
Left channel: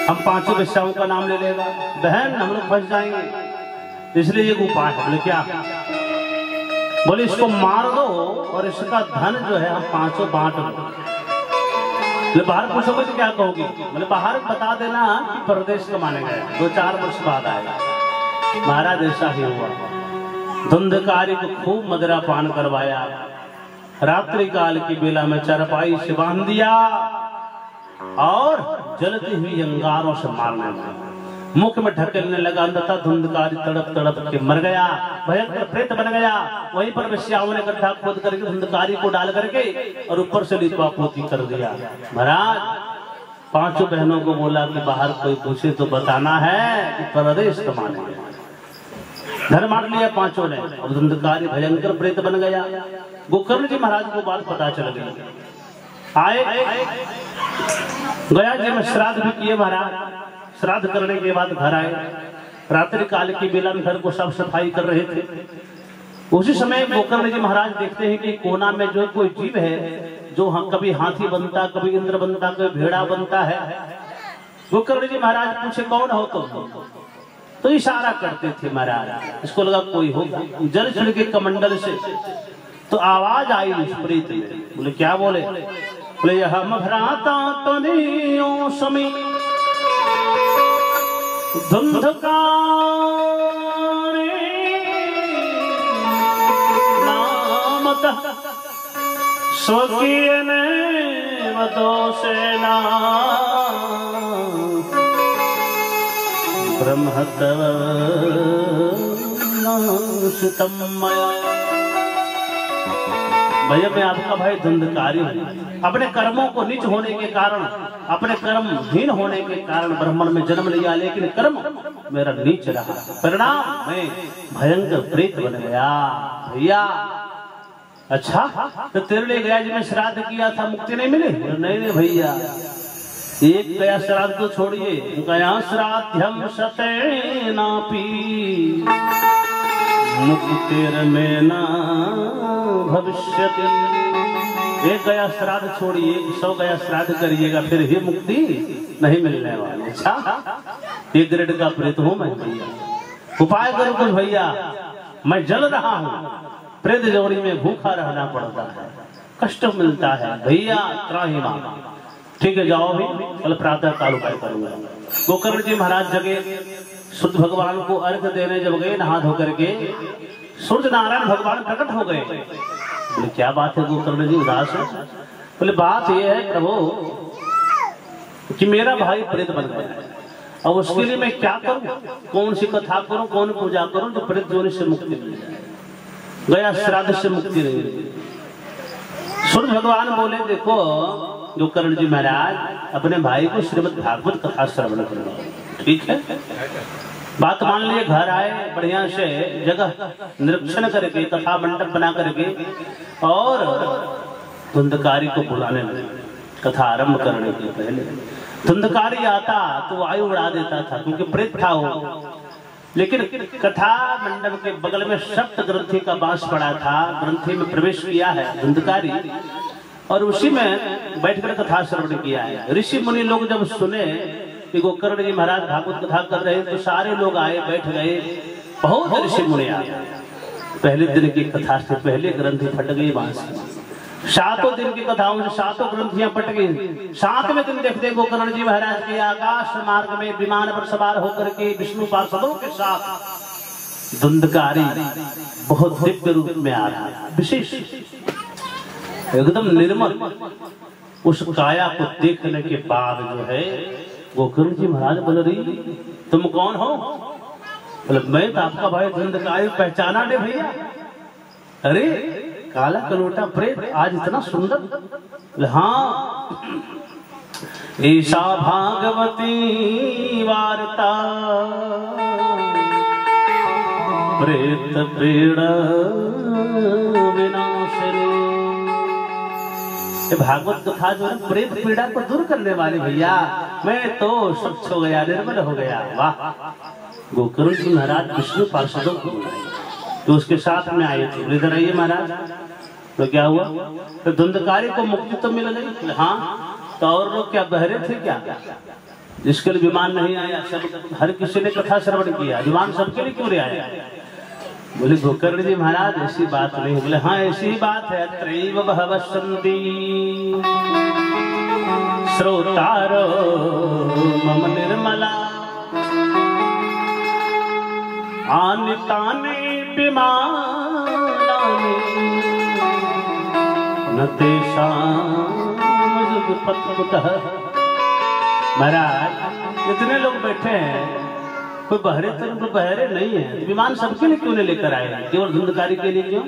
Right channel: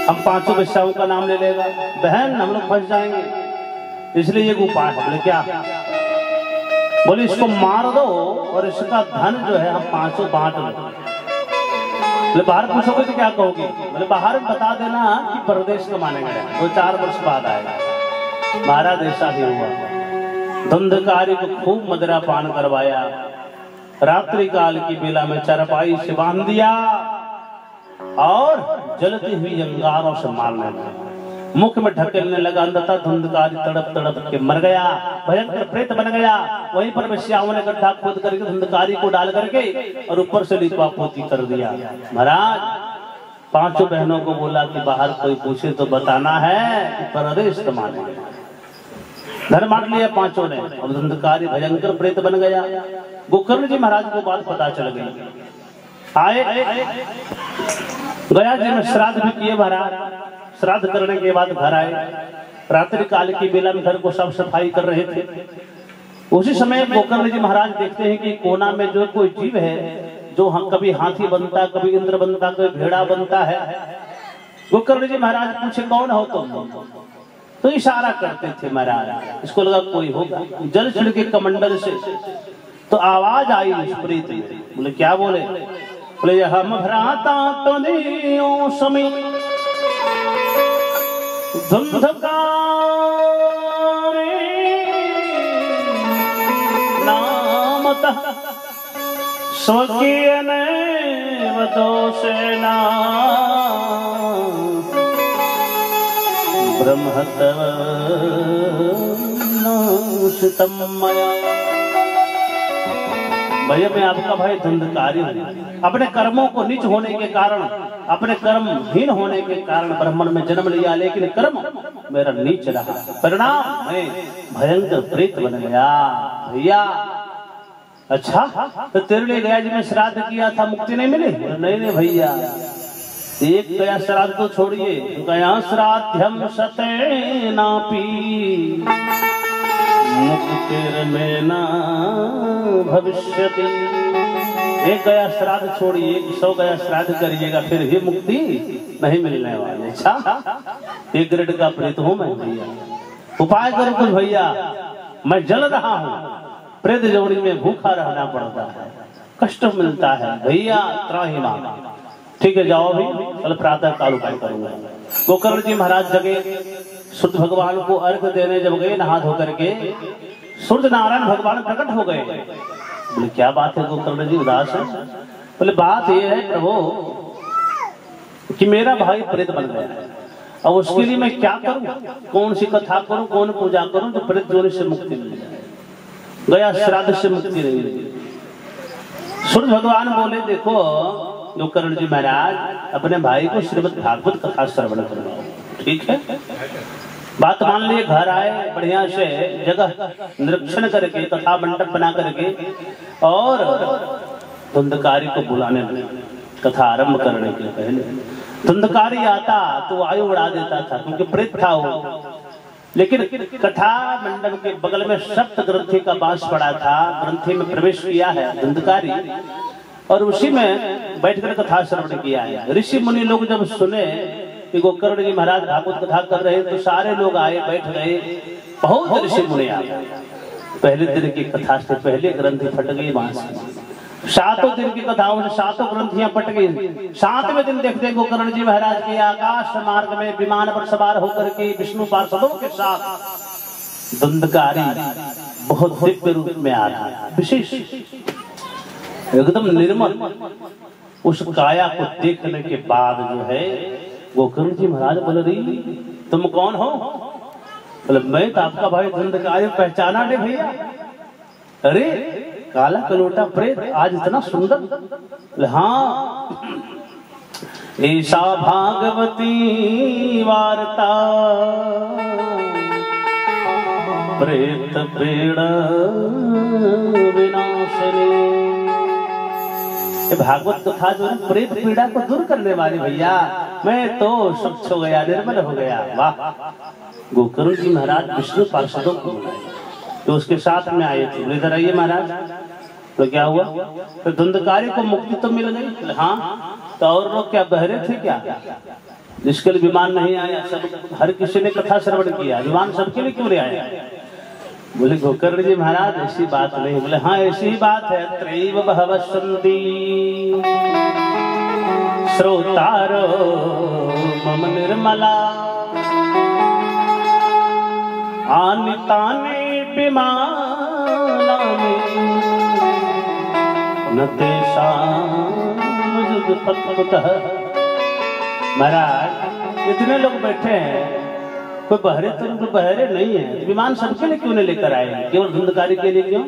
हम 5 वेश्याओं का नाम ले लेगा, बहन हम लोग फंस जाएंगे, इसलिए एक उपाय है। बोले क्या? बोले इसको मार दो और इसका धन जो है हम 5 बांट लो। बाहर पूछोगे तो क्या कहोगी? बोले बाहर बता देना कि परदेश कमाने गया, 2-4 वर्ष बाद आएगा। महाराज ऐसा ही हुआ। धुंधकारी को खूब मदिरा पान करवाया, रात्रि काल की बेला में चारपाई से बांध दिया और जलती हुई अंगारों से मारने लगा। मुख में ढकेलने लगा, अंततः धुंधकारी तड़प तड़प के मर गया, भयंकर प्रेत बन गया। वहीं पर वेश्याओं ने गड्ढा खोद करके धुंधकारी को डाल करके और ऊपर से लिपा पोती कर दिया। महाराज 5 बहनों को बोला कि बाहर कोई पूछे तो बताना है कि परदेश कमाने गए। घर बांट लिया 5 ने। अब धुंधकारी भयंकर प्रेत बन गया। गोकर्ण जी महाराज को बात पता चल गई। आए गया जी में श्राद्ध भी किए महाराज। श्राद्ध करने के बाद घर आए। रात्रि काल की बेला में घर को साफ सफाई कर रहे थे। उसी समय गोकर्ण जी महाराज देखते हैं कि कोना में जो कोई जीव है, जो कभी हाथी बनता, कभी इंद्र बनता, कभी भेड़ा बनता है। गोकर्ण जी महाराज पूछे कौन हो तुम? तो इशारा करते थे महाराज। इसको लगा कोई होगा। जल छिड़ के कमंडल से तो आवाज आई उस प्रीत में। बोले क्या बोले? बोले हम भ्राता तनियों समी धुंधकारी नामतः स्वकीय नैव दोषेण ब्रह्मतः नाशितं मया। भैया मैं आपका भाई धुंधकारी हूँ। अपने कर्मों को नीच होने के कारण, अपने कर्महीन होने के कारण ब्राह्मण में जन्म लिया, लेकिन कर्म मेरा नीच रहा, परिणाम मैं भयंकर प्रेत बन गया। भैया अच्छा तो तेरे लिए गया जी में श्राद्ध किया था, मुक्ति नहीं मिली? नहीं ले भैया, एक गया श्राद्ध तो छोड़िए, गया श्राद्धम शतेनापि मुक्तिर्मेना भविष्यति। एक गया श्राद्ध छोड़िए, 100 गया श्राद्ध करिएगा, फिर भी मुक्ति नहीं मिलने वाली। अच्छा एक ग्रेड का प्रेत हूं मैं भैया, उपाय करो कुछ भैया, मैं जल रहा हूँ, प्रेत जोड़ी में भूखा रहना पड़ता है, कष्ट मिलता है भैया, त्राहिमाम। ठीक है जाओ भी, कल प्रातः काल उपाय करूंगा। गोकर्ण जी महाराज जगे, सूर्य भगवान को अर्घ देने जब गए नहा धो करके, सूर्य नारायण भगवान प्रकट हो गए। बोले क्या बात है गोकर्ण जी उदास है? बोले बात ये है प्रभु कि मेरा भाई प्रेत बन गया है, अब उसके लिए मैं क्या करूं, कौन सी कथा करूं, कौन पूजा करूं जो प्रेत जोनि से मुक्ति मिल जाए, गया श्राद्ध से मुक्ति मिली। सूर्य भगवान बोले देखो गोकर्ण जी महाराज अपने भाई को श्रीमद् भागवत कथा श्रवण करवाओ, ठीक है। बात मान लिए, घर आए, बढ़िया से जगह निरीक्षण करके कथा मंडप बना करके और धुंधकारी को बुलाने लगे कथा आरंभ करने के पहले। धुंधकारी आता तो वायु उड़ा देता था क्योंकि प्रेत था वो, लेकिन कथा मंडप के बगल में सप्त ग्रंथि का बांस पड़ा था, ग्रंथि में प्रवेश किया है धुंधकारी और उसी में बैठकर कथा श्रवण किया है। ऋषि मुनि लोग जब सुने कि गोकर्ण जी महाराज भागवत कथा कर रहे हैं तो सारे लोग आए, बैठ गए, बहुत ऋषि मुनि आए। पहले दिन की कथा से पहले ग्रंथि फट गई बांस, सातों दिन की कथाओं से सातों ग्रंथियां पट गई। सातवें दिन देखते गोकर्ण जी महाराज के आकाश मार्ग में विमान पर सवार होकर के विष्णु पार्षदों के साथ धुंधकारी बहुत दिव्य रूप में आ रहा है, विशेष एकदम निर्मल। उस काया को देखने के बाद जो है गोकर्ण जी महाराज बोल रही तुम कौन हो? बोले मैं तो आपका भाई धुंधकारी, पहचाना नहीं भैया? अरे काला कलोटा प्रेत आज इतना सुंदर। हाँ ऐसा भागवती वार्ता प्रेत पीड़ा विनाशनी। ये भागवत कथा जो है प्रेत पीड़ा को दूर करने वाली भैया, मैं तो स्वच्छ हो गया, निर्मल हो गया। वाह! गोकर्ण जी महाराज विष्णु पार्षदों को बुलाए तो उसके साथ में आए थे, इधर आइए महाराज। तो क्या हुआ? तो धुंधकारी को मुक्ति तो मिल गई। हाँ तो और लोग क्या बहरे थे क्या जिसके लिए विमान नहीं आया? सब हर किसी ने कथा श्रवण किया, विमान सबके लिए क्यों नहीं आया? बोले गोकर्ण जी महाराज ऐसी बात नहीं। बोले हाँ ऐसी ही बात है। त्रैव भवसन्ति श्रोतारो मम निर्मला आनितानि विमानानि न तेषां युगपत्कुतः। महाराज इतने लोग बैठे हैं, कोई बहरे तो बहरे नहीं है, विमान सबके लिए क्यों नहीं लेकर आए? केवल धुंधकारी के लिए क्यों?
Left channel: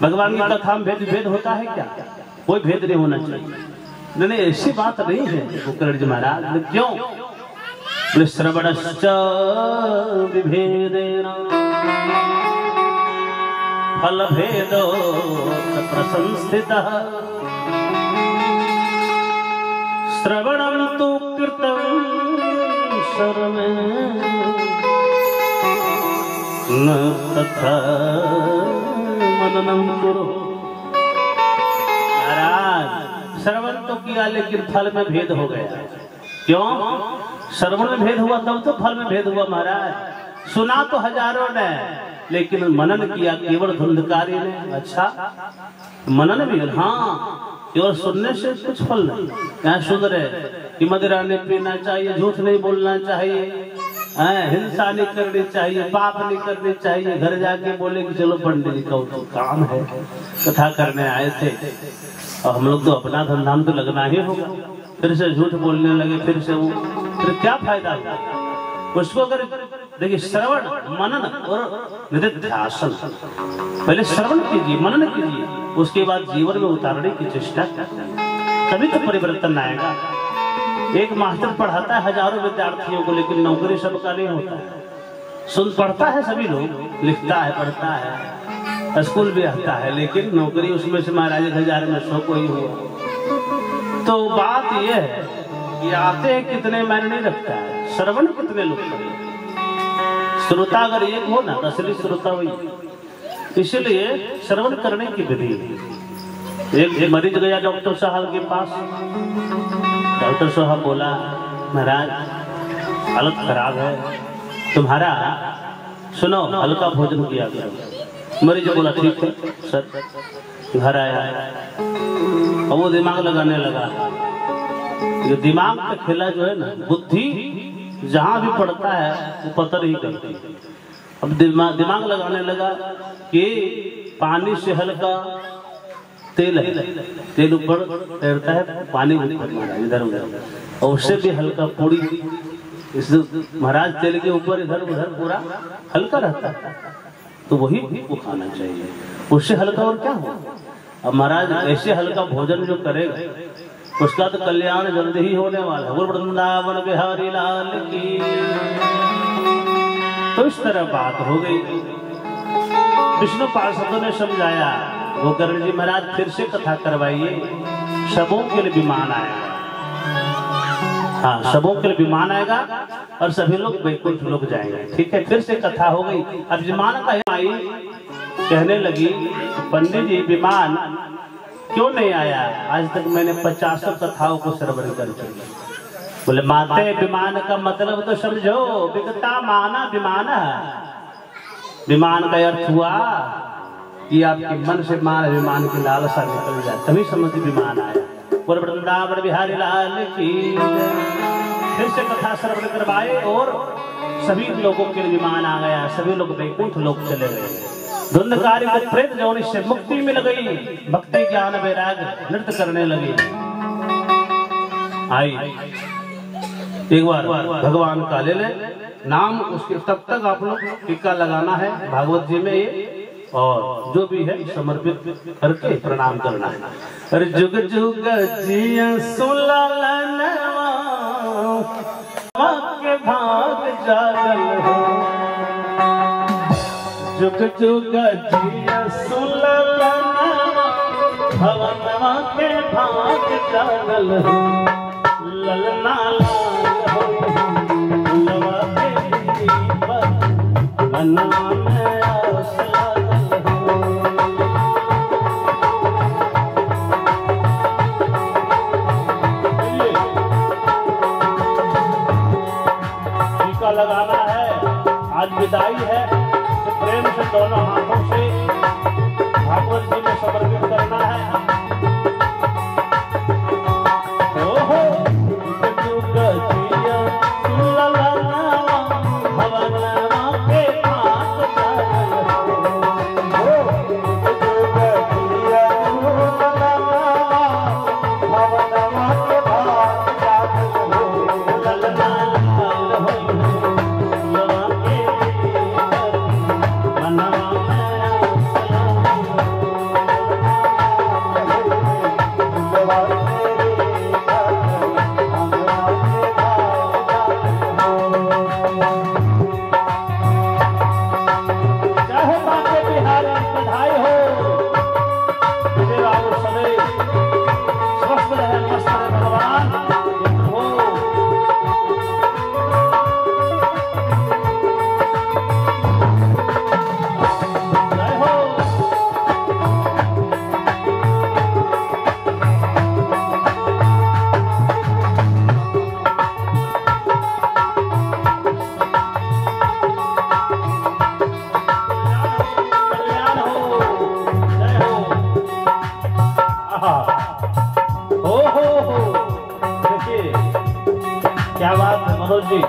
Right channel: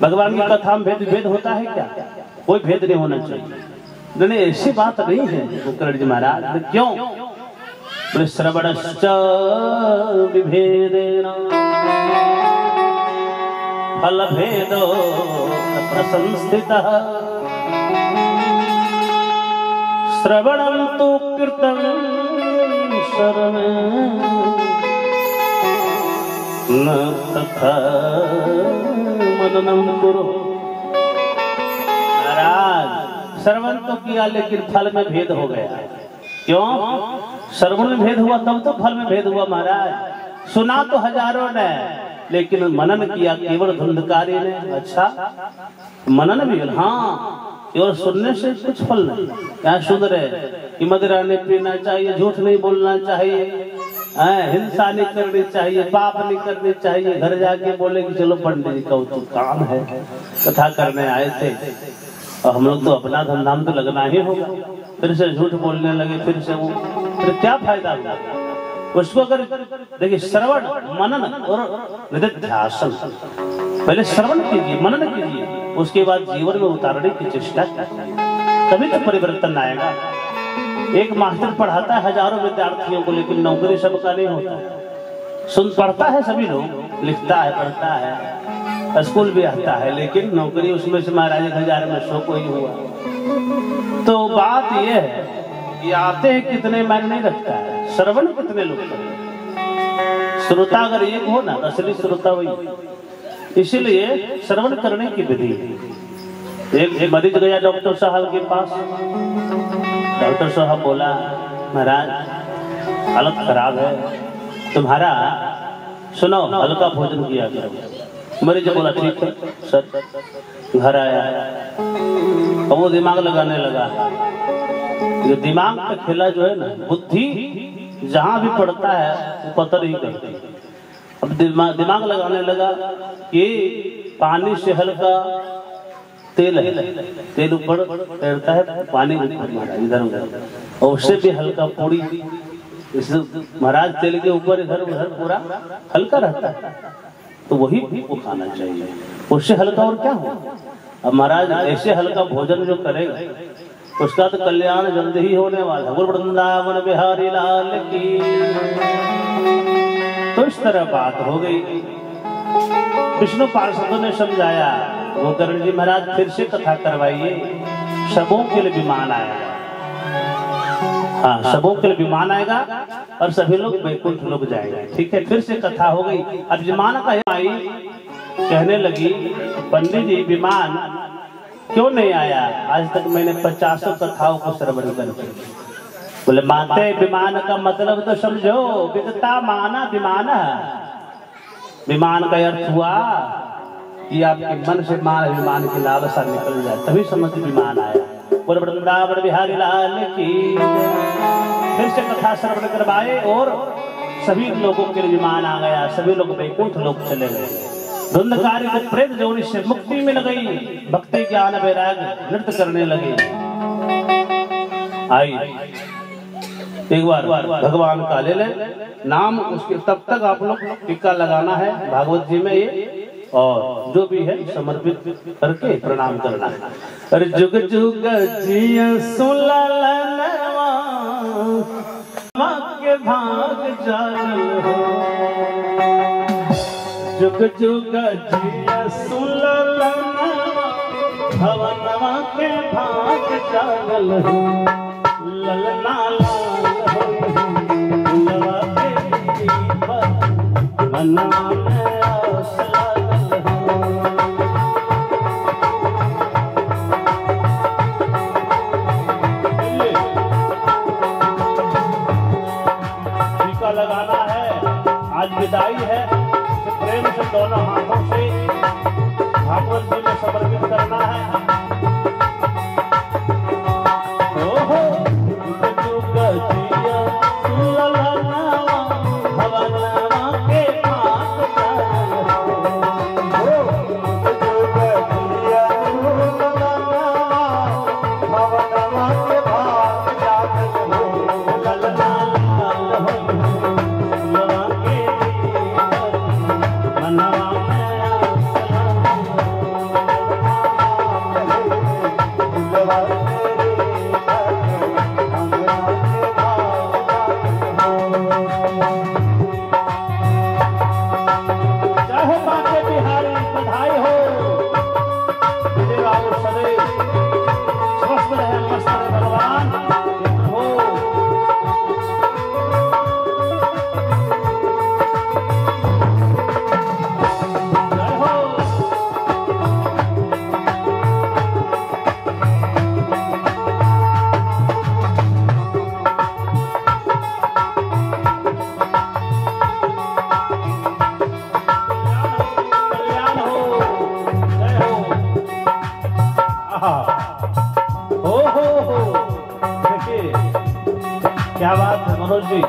भगवान की कथा में भेद होता है क्या? कोई भेद नहीं होना चाहिए। नहीं ऐसी बात नहीं है गोकर्ण जी महाराज। क्यों? बोले श्रवणश्च विभेदेन फल भेदो प्रसंस्थितः श्रवणं तु कृतं सर्वे न तथा मननं कुरु। महाराज श्रवण तो किया लेकिन फल में भेद हो गया। क्यों? श्रवण में भेद हुआ तब तो फल में भेद हुआ। महाराज सुना तो हजारों ने लेकिन मनन किया केवल धुंधकारी ने। अच्छा मनन भी? हाँ केवल सुनने से कुछ फल नहीं। यहाँ सुन रहे कि मदिरा नहीं पीना चाहिए, झूठ नहीं बोलना चाहिए, हिंसा नहीं करनी चाहिए, पाप नहीं करनी चाहिए। घर जाके बोले कि चलो पंडित जी का तो काम है, कथा करने आए थे और हम लोग तो अपना धंधा तो लगना ही होगा, फिर से झूठ बोलने लगे, फिर से वो, फिर क्या फायदा होगा उसको? अगर देखिए श्रवण मनन और निधिध्यासन, पहले श्रवण कीजिए, मनन कीजिए, उसके बाद जीवन में उतारने की चेष्टा, तभी तो परिवर्तन आएगा। एक मास्टर पढ़ाता है हजारों विद्यार्थियों को, लेकिन नौकरी सबका नहीं होता है। सुन पढ़ता है सभी लोग, लिखता है, पढ़ता है, स्कूल भी आता है, लेकिन नौकरी उसमें से महाराज 1000 में 100 को ही हुआ। तो बात यह है कि आते हैं कितने मायने नहीं रखता है, श्रवण कितने लोग करें। श्रोता अगर एक हो ना, असली श्रोता वही। इसीलिए श्रवण करने की विधि। एक मरीज गया डॉक्टर साहब के पास, डॉक्टर साहब बोला महाराज हालत खराब है, तुम्हारा सुनो हल्का भोजन किया करो। मरीज बोला ठीक है सर। घर आया और वो दिमाग लगाने लगा ये दिमाग का खेला जो है ना, बुद्धि जहां भी पड़ता है वो पता नहीं करती। अब दिमाग लगाने लगा कि पानी से हल्का तेल है, तेल ऊपर तैरता है, पानी इधर उधर, और उससे भी हल्का पूरी, इस महाराज तेल के ऊपर इधर उधर पूरा हल्का रहता है, तो वही वो खाना चाहिए, उससे हल्का और क्या हो। अब महाराज ऐसे हल्का भोजन जो करेगा उसका तो कल्याण जल्द ही होने वाला है। वृंदावन बिहारी लाल की। तो इस तरह बात हो गई। विष्णु पार्षदों ने समझाया, गोकर्ण जी महाराज फिर से कथा करवाइए, सबों के लिए विमान आएगा। हाँ, सबों के लिए विमान आएगा और सभी लोग वैकुंठ लोग जाएंगे। ठीक है, फिर से कथा हो गई। अब विमान का आई कहने लगी, पंडित जी विमान क्यों नहीं आया? आज तक मैंने 50 कथाओं को श्रवण करके। बोले माते विमान का मतलब तो समझो, विगता माना विमान। विमान का अर्थ हुआ कि आपके मन से मान विमान की लालसा निकल जाए, तभी समझ विमान आया। बोले वृंदावन बिहारी लाल की। फिर से कथा श्रवण करवाए और सभी लोगों के लिए विमान आ गया, सभी लोग वैकुंठ लोग चले गए। धुंधकारी को प्रेत जोनि से मुक्ति मिल गई, भक्ति ज्ञान वैराग नृत्य करने लगे। आई एक बार भगवान का ले ले नाम, उसके तब तक आप लोग टीका लगाना है भागवत जी में ये, और जो भी है समर्पित करके प्रणाम करना है। अरे जुग जुग जिया सुललनवा के भाग जागल हो, जुग जुग जिया सुललनवा भवनवा के भाग जागल हो, ललना लाल हो लवा के दीपक मनवा में आस लागल हो। टीका लगाना है, आज विदाई है, प्रेम से दोनों हाथों से भागवत जी में समर्पित करना है। ओहो जुग जिया सुललनवा भवनवा के भाग जागल हो, जुग जिया सुललनवा भवनवा के भाग जागल हो, ललना लाल हो लवा के मनवा में आस चाहे बाके बिहारी बधाई हो, विजय बाबू सदैव स्वस्थ रहे, मस्त रहे भगवान हो। जय हो। कल्याण हो, जय हो। आहा, हो देखिए क्या बात है मनोज जी।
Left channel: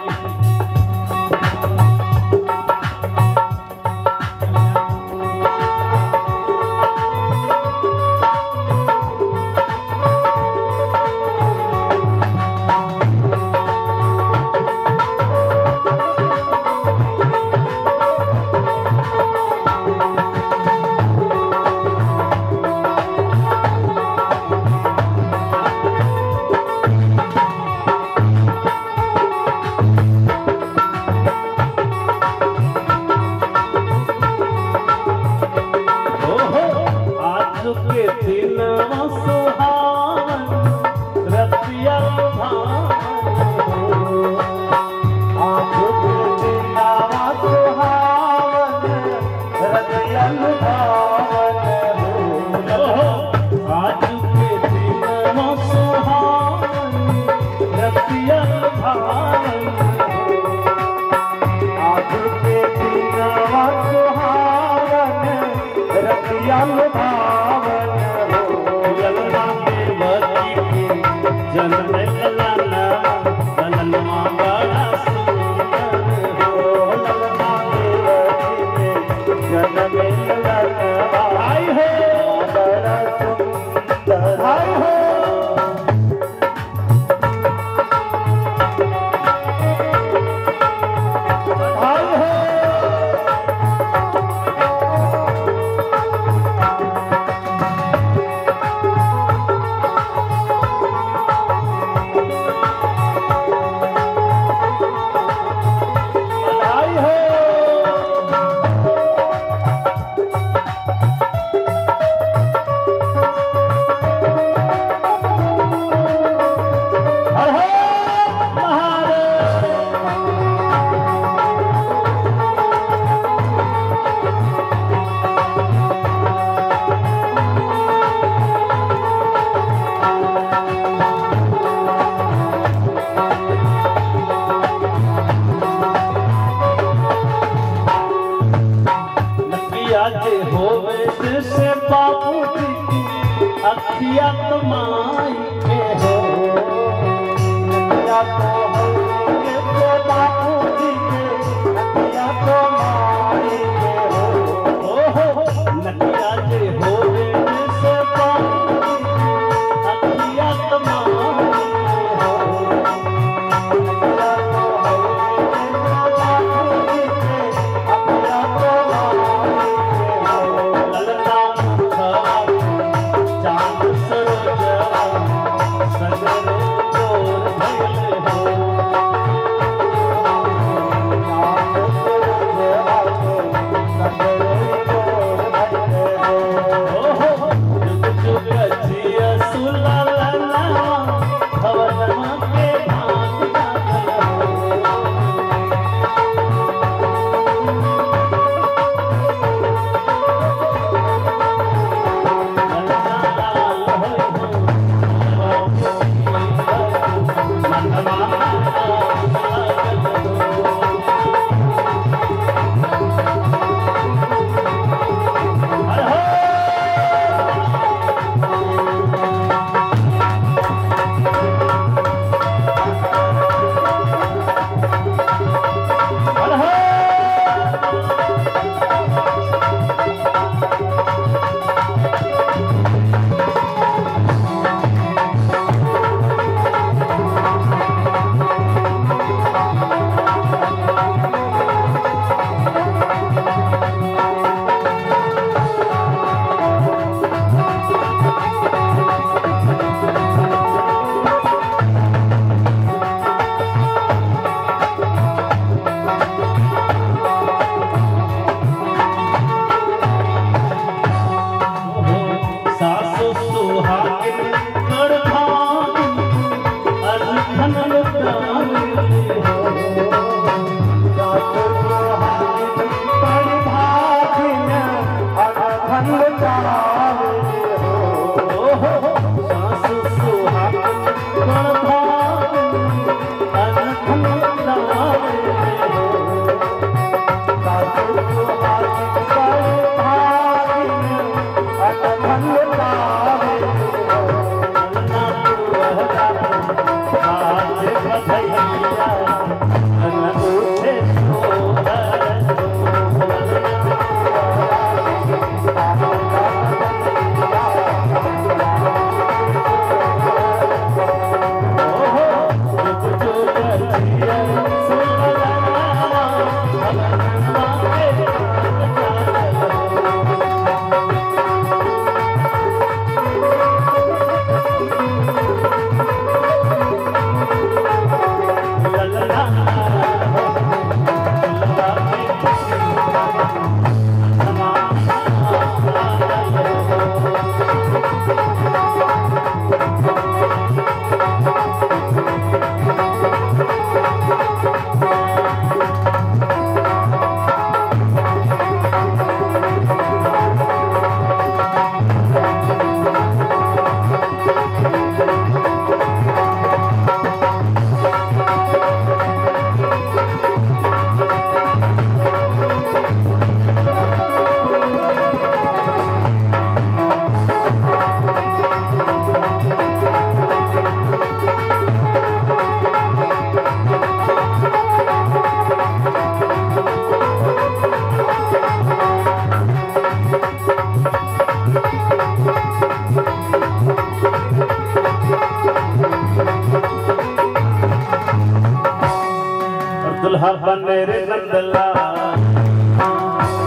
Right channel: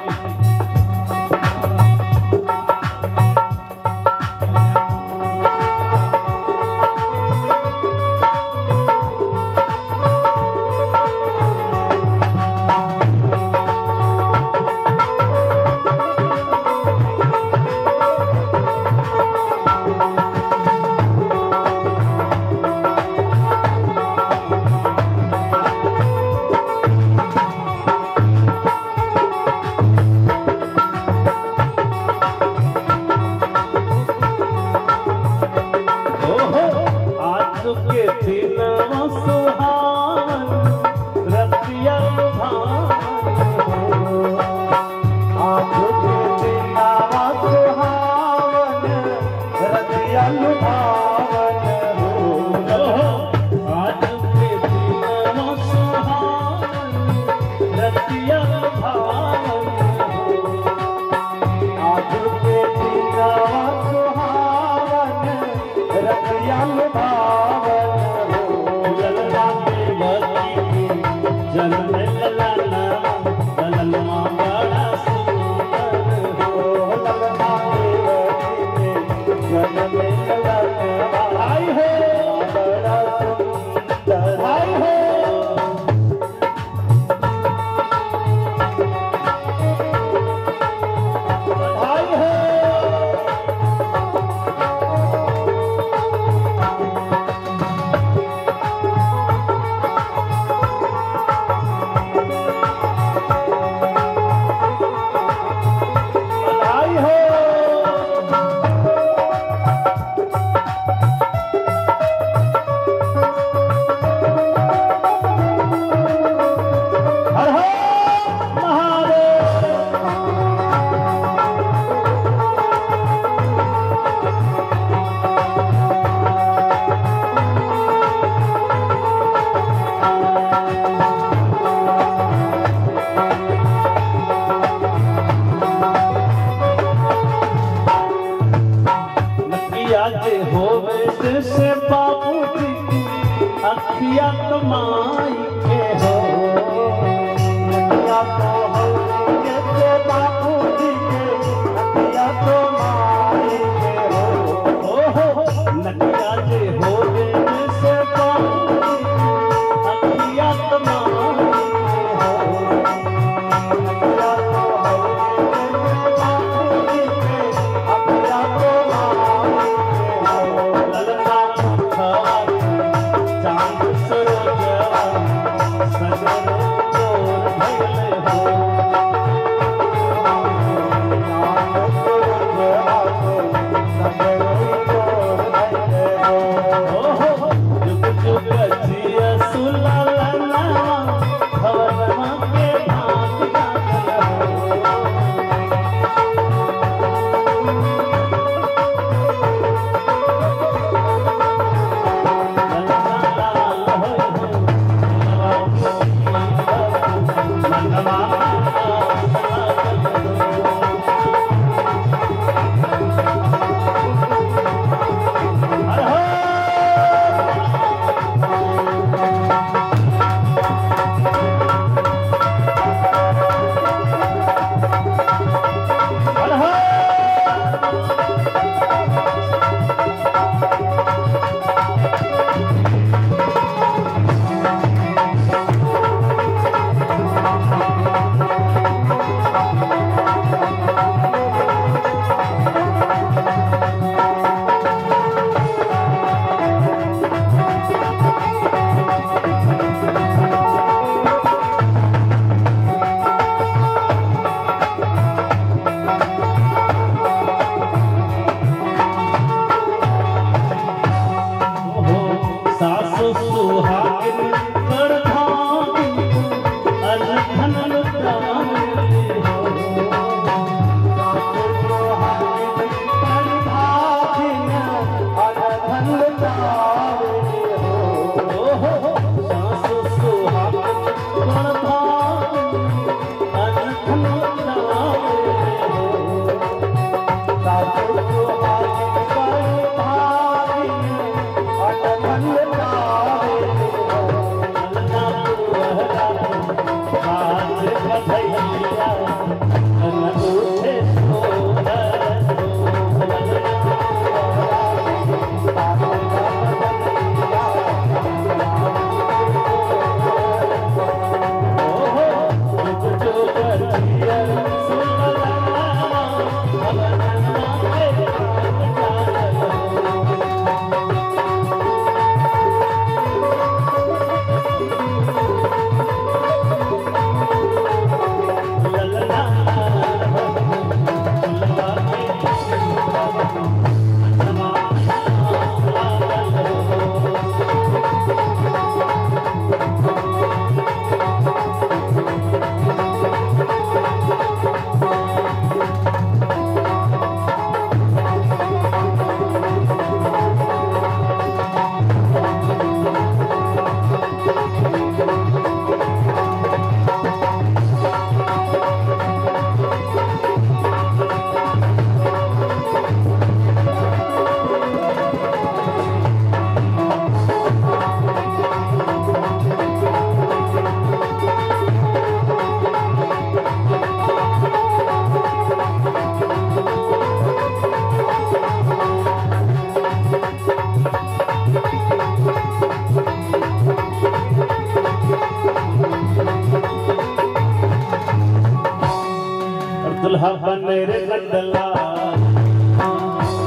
दुल्हा बने रे नंदला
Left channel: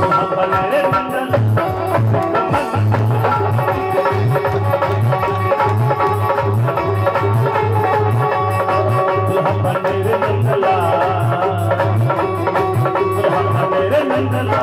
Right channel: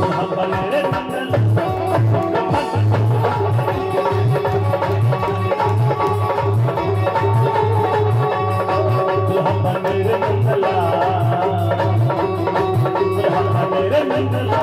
दुल्हा बने रे नंदला दुल्हा बने रे नंदला दुल्हा बने रे नंदला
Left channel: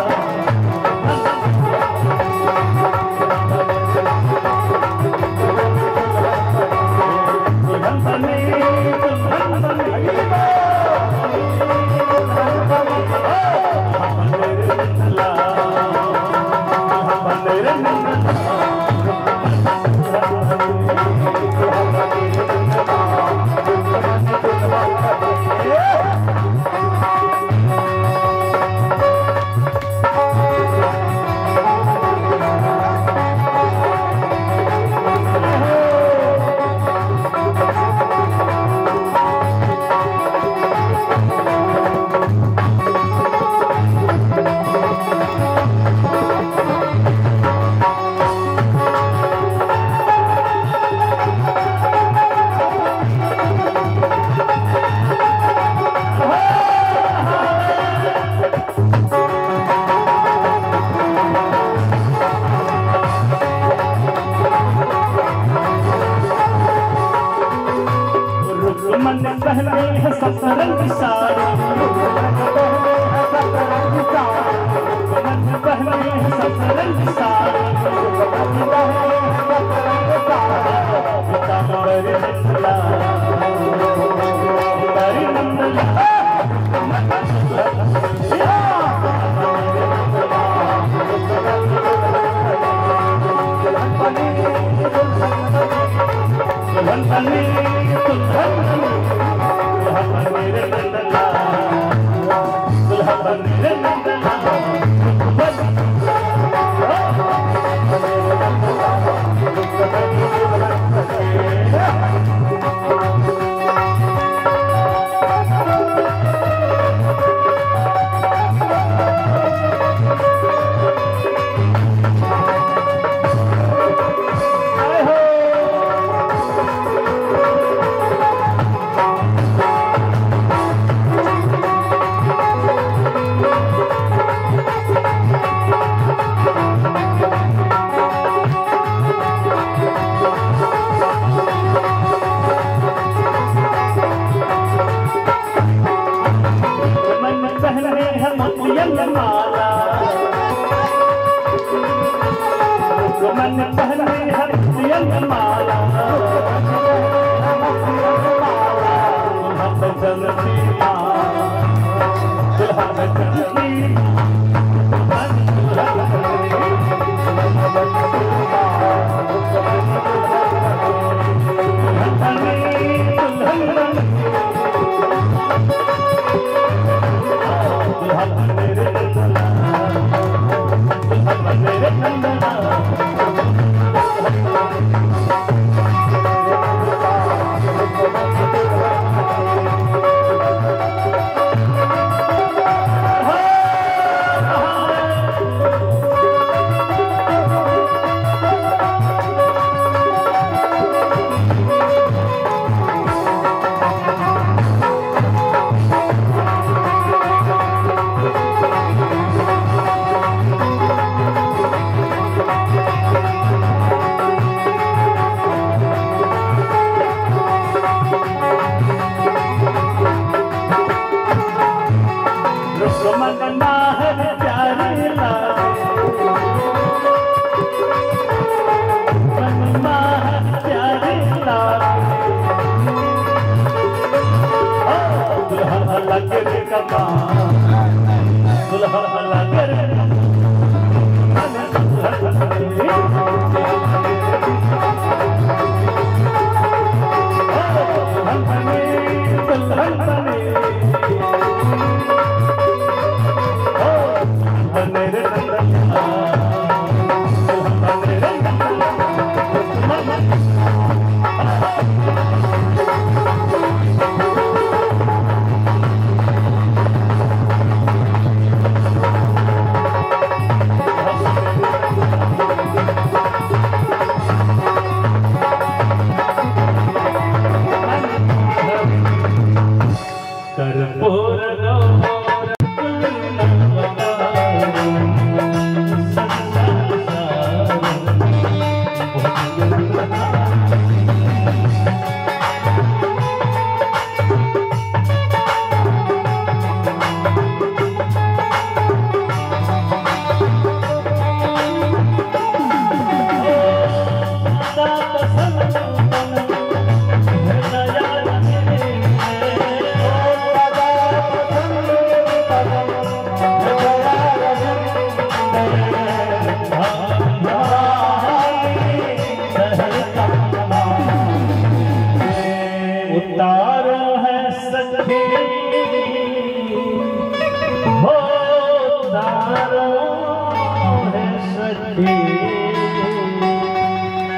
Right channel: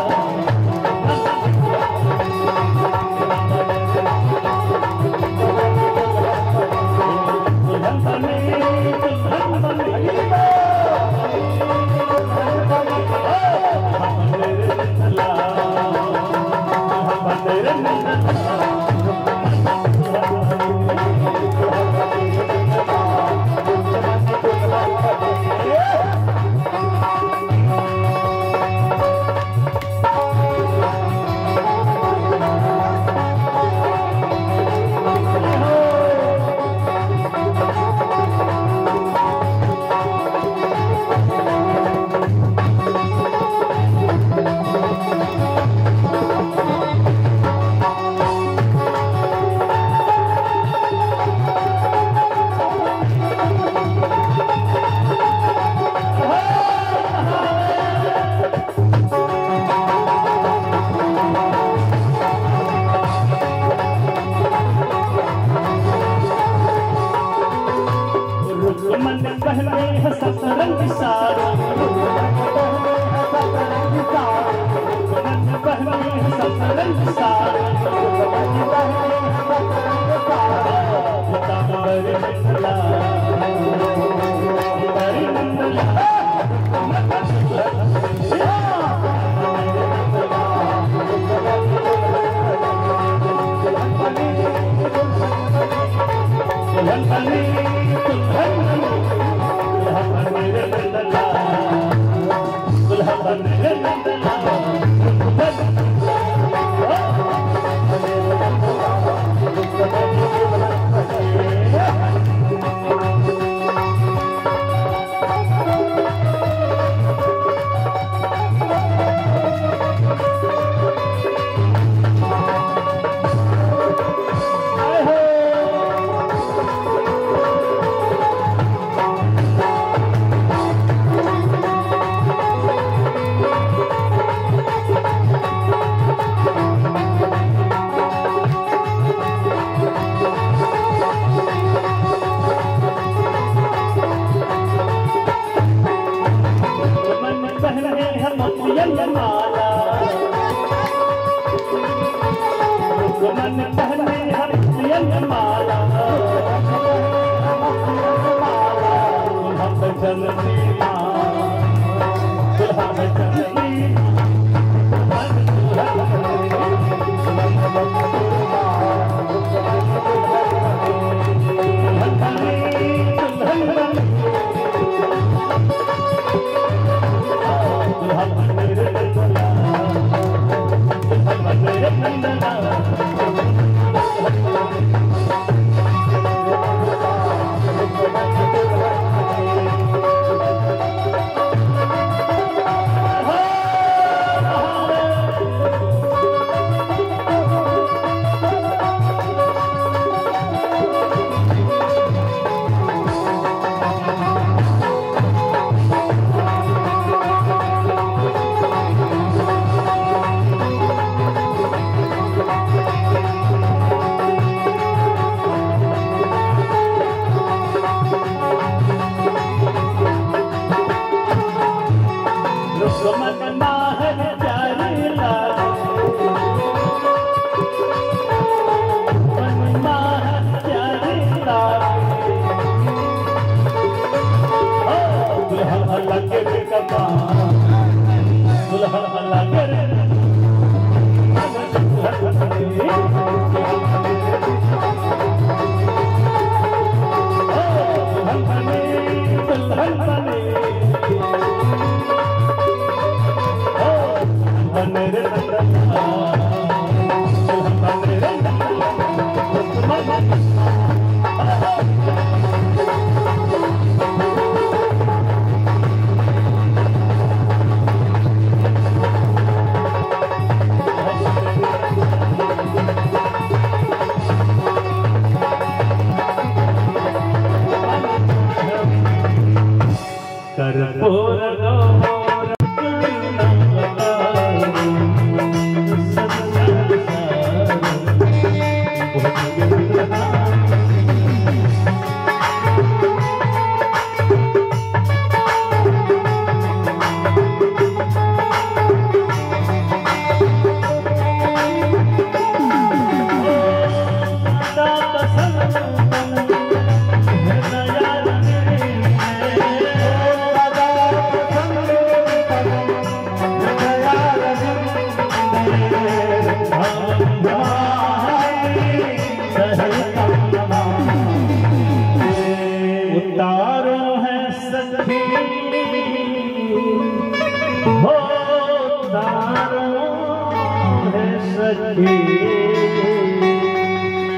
मन पहले है सतरंग सारो मन पहले है सतरंग सारो रे नंदला रे नंदला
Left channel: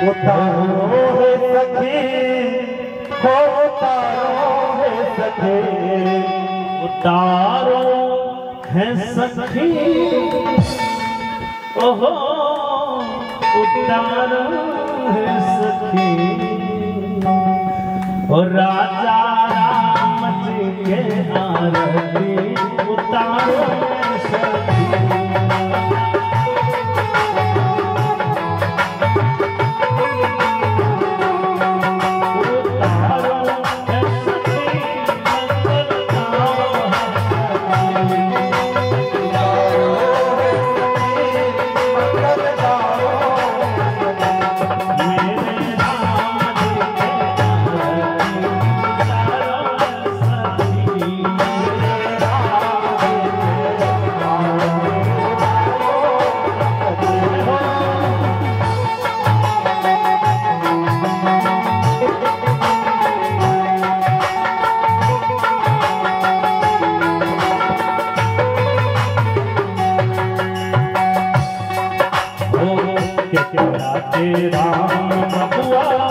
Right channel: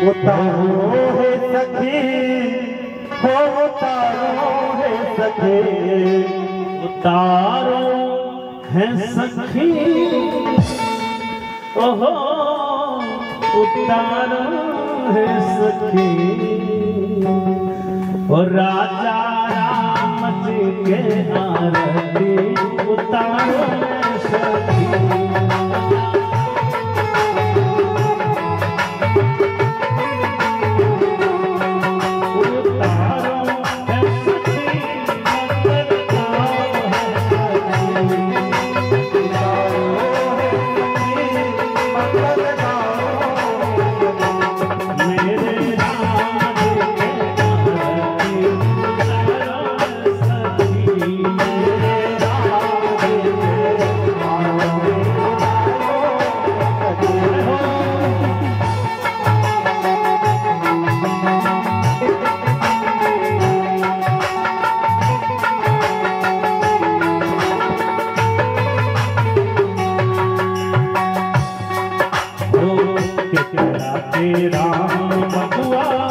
उतारो है सखी हो उतारो है सखी उतारो है सखी ओहो उतारो है सखी और राजा राम जी के आरती उतारो है सखी राम मधुआ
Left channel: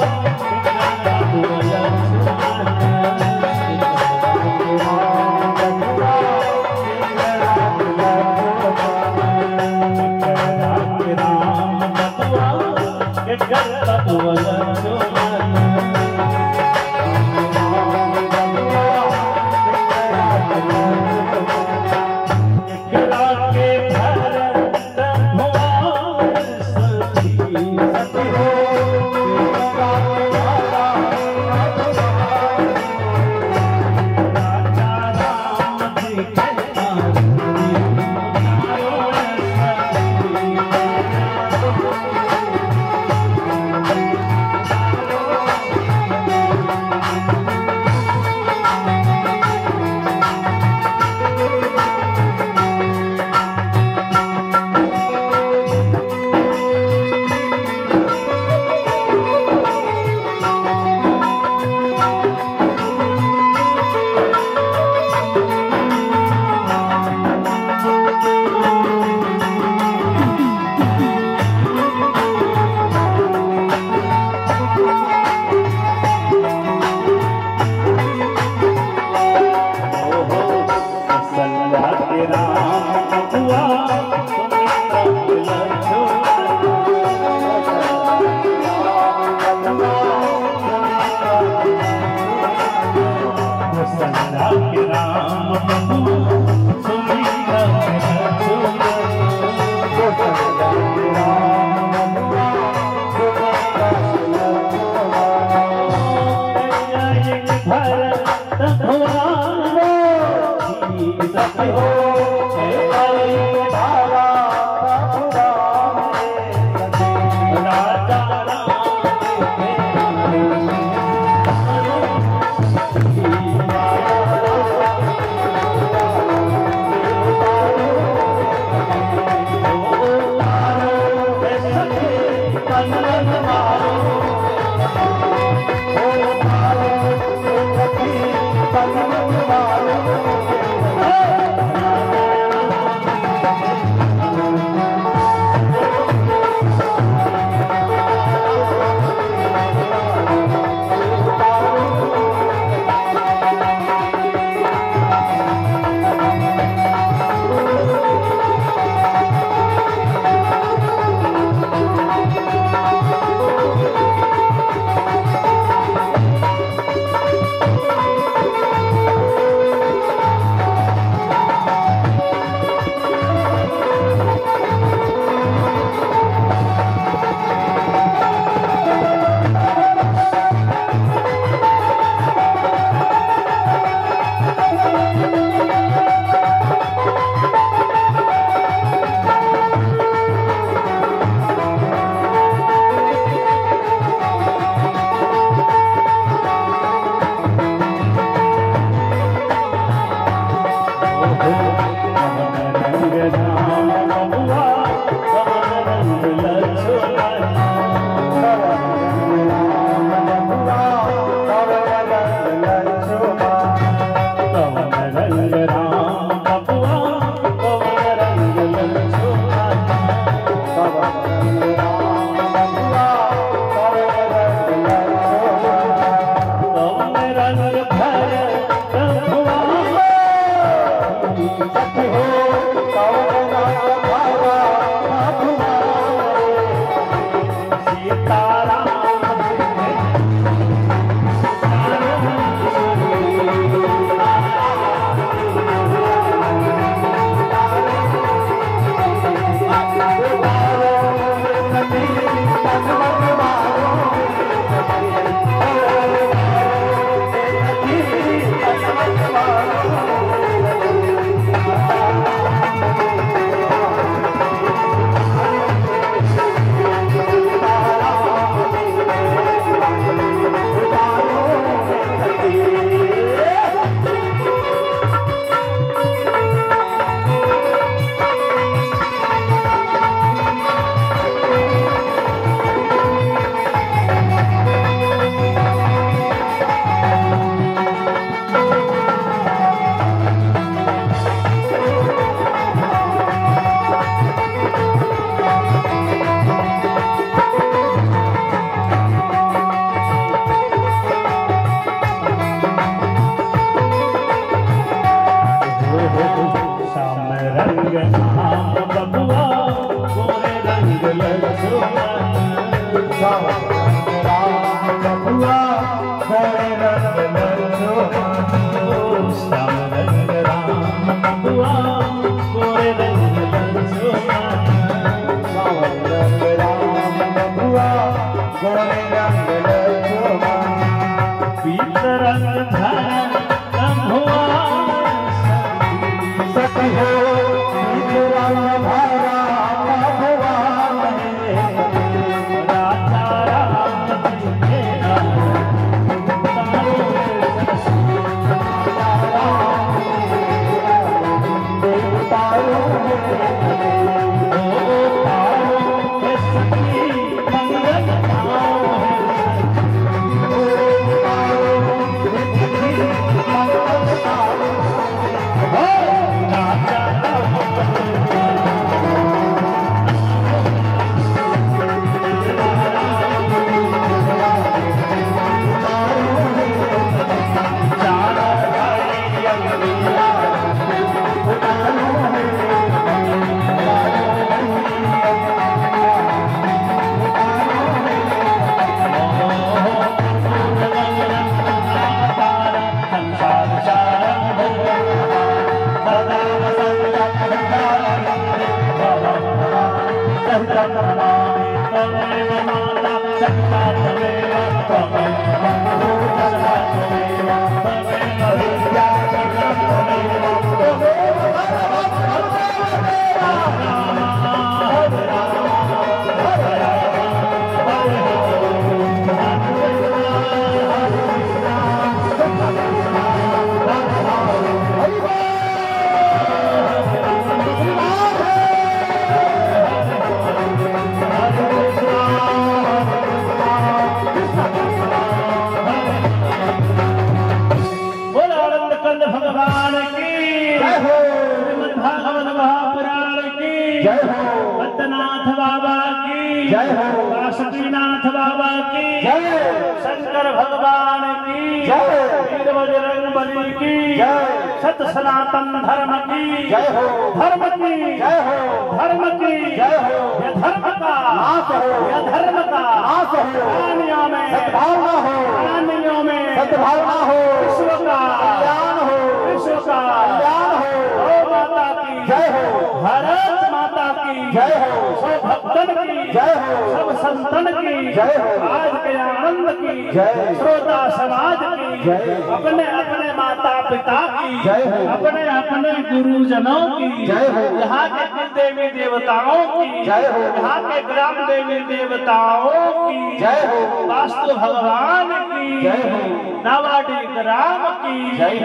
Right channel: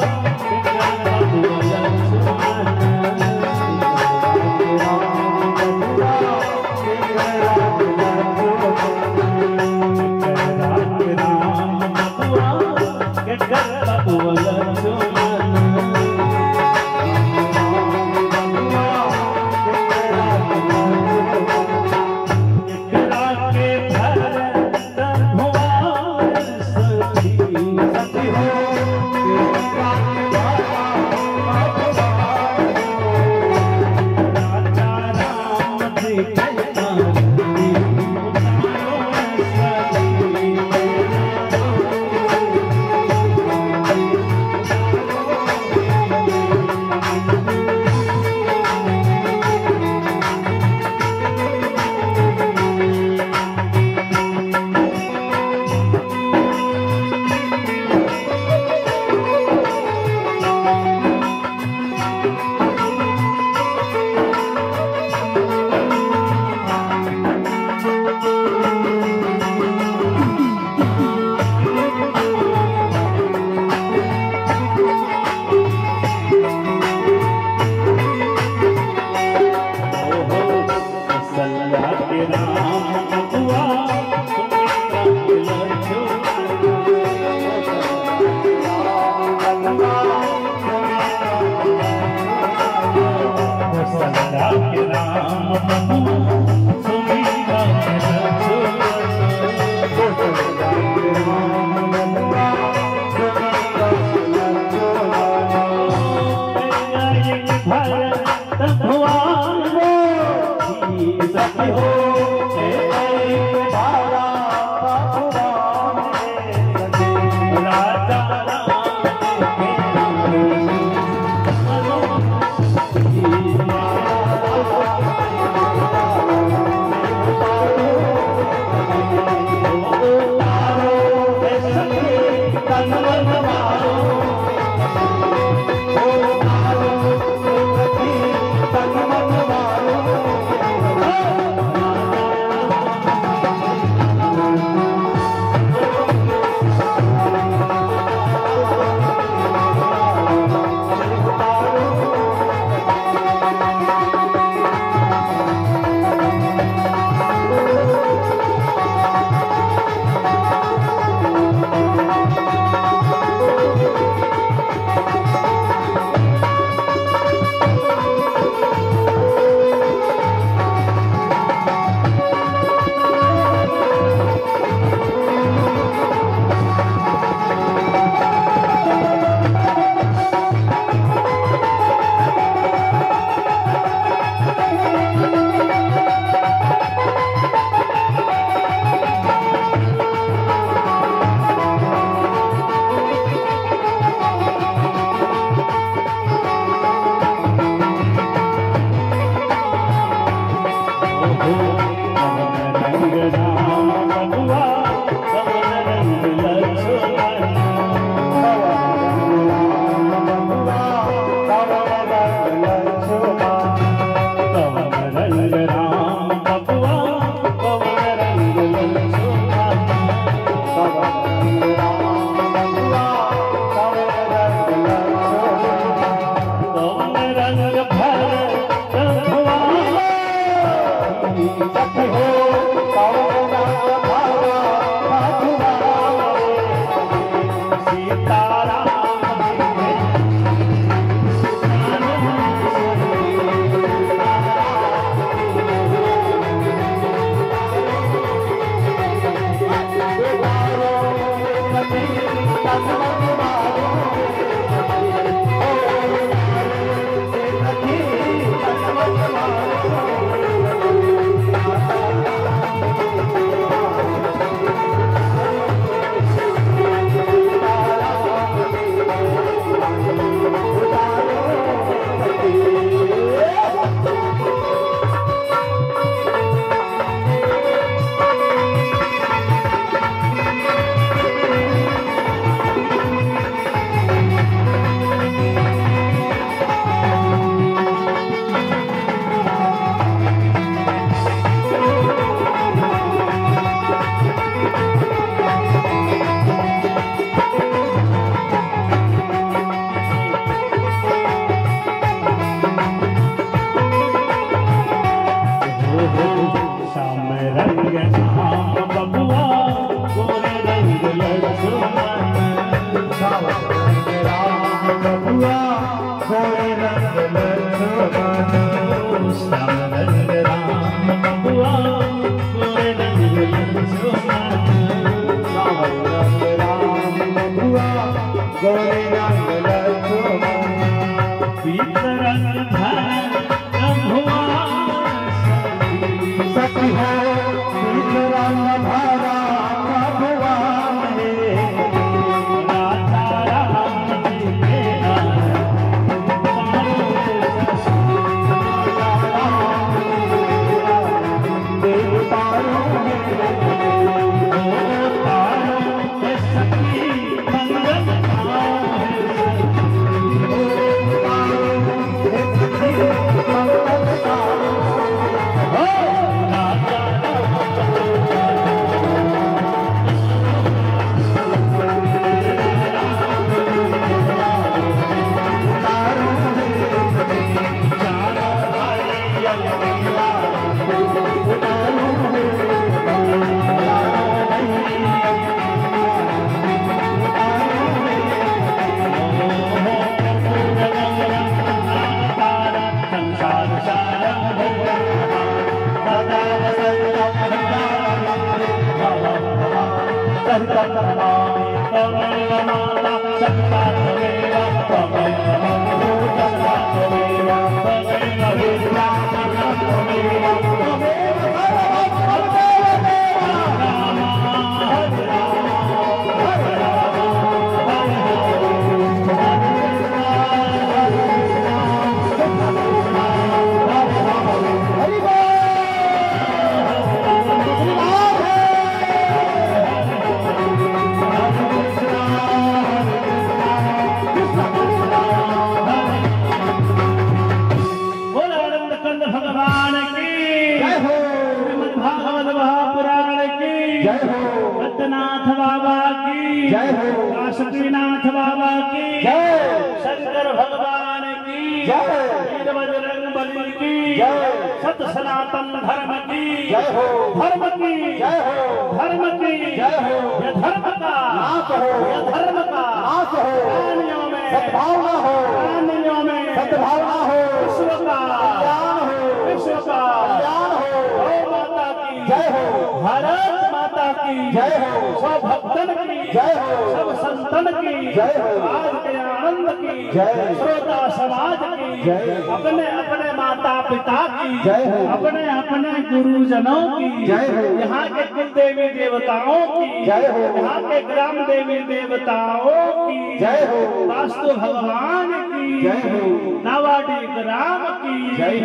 शंकर भगवान की जय, वीर बजरंगबली की जय, सत सनातन धर्म की जय हो, धर्म की जय हो, धर्म की जय हो। यह धर्म का नाश हो, यह धर्म का नाश हो, प्राणियों में सद्भावना हो, प्राणियों में सद्भावना हो, विश्व का कल्याण हो, विश्व का कल्याण हो। गौ माता की जय हो, भारत माता की जय हो, सब भक्तन की जय हो, सब संतन की जय हो, आज के आनंद की जय, श्रोता समाज की जय, अपने अपने माता पिता की जय हो, अपने अपने गुरुजनों की जय हो, यहाँ के कुल देवी देवताओं की जय हो, यहाँ के ग्राम देवी देवताओं की जय हो, वास्तु भगवान की जय हो, नावाडी राम की जय।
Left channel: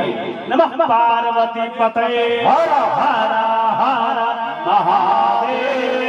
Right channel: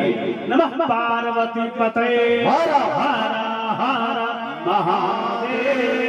नमः पार्वती पते हर हर हर महादेव।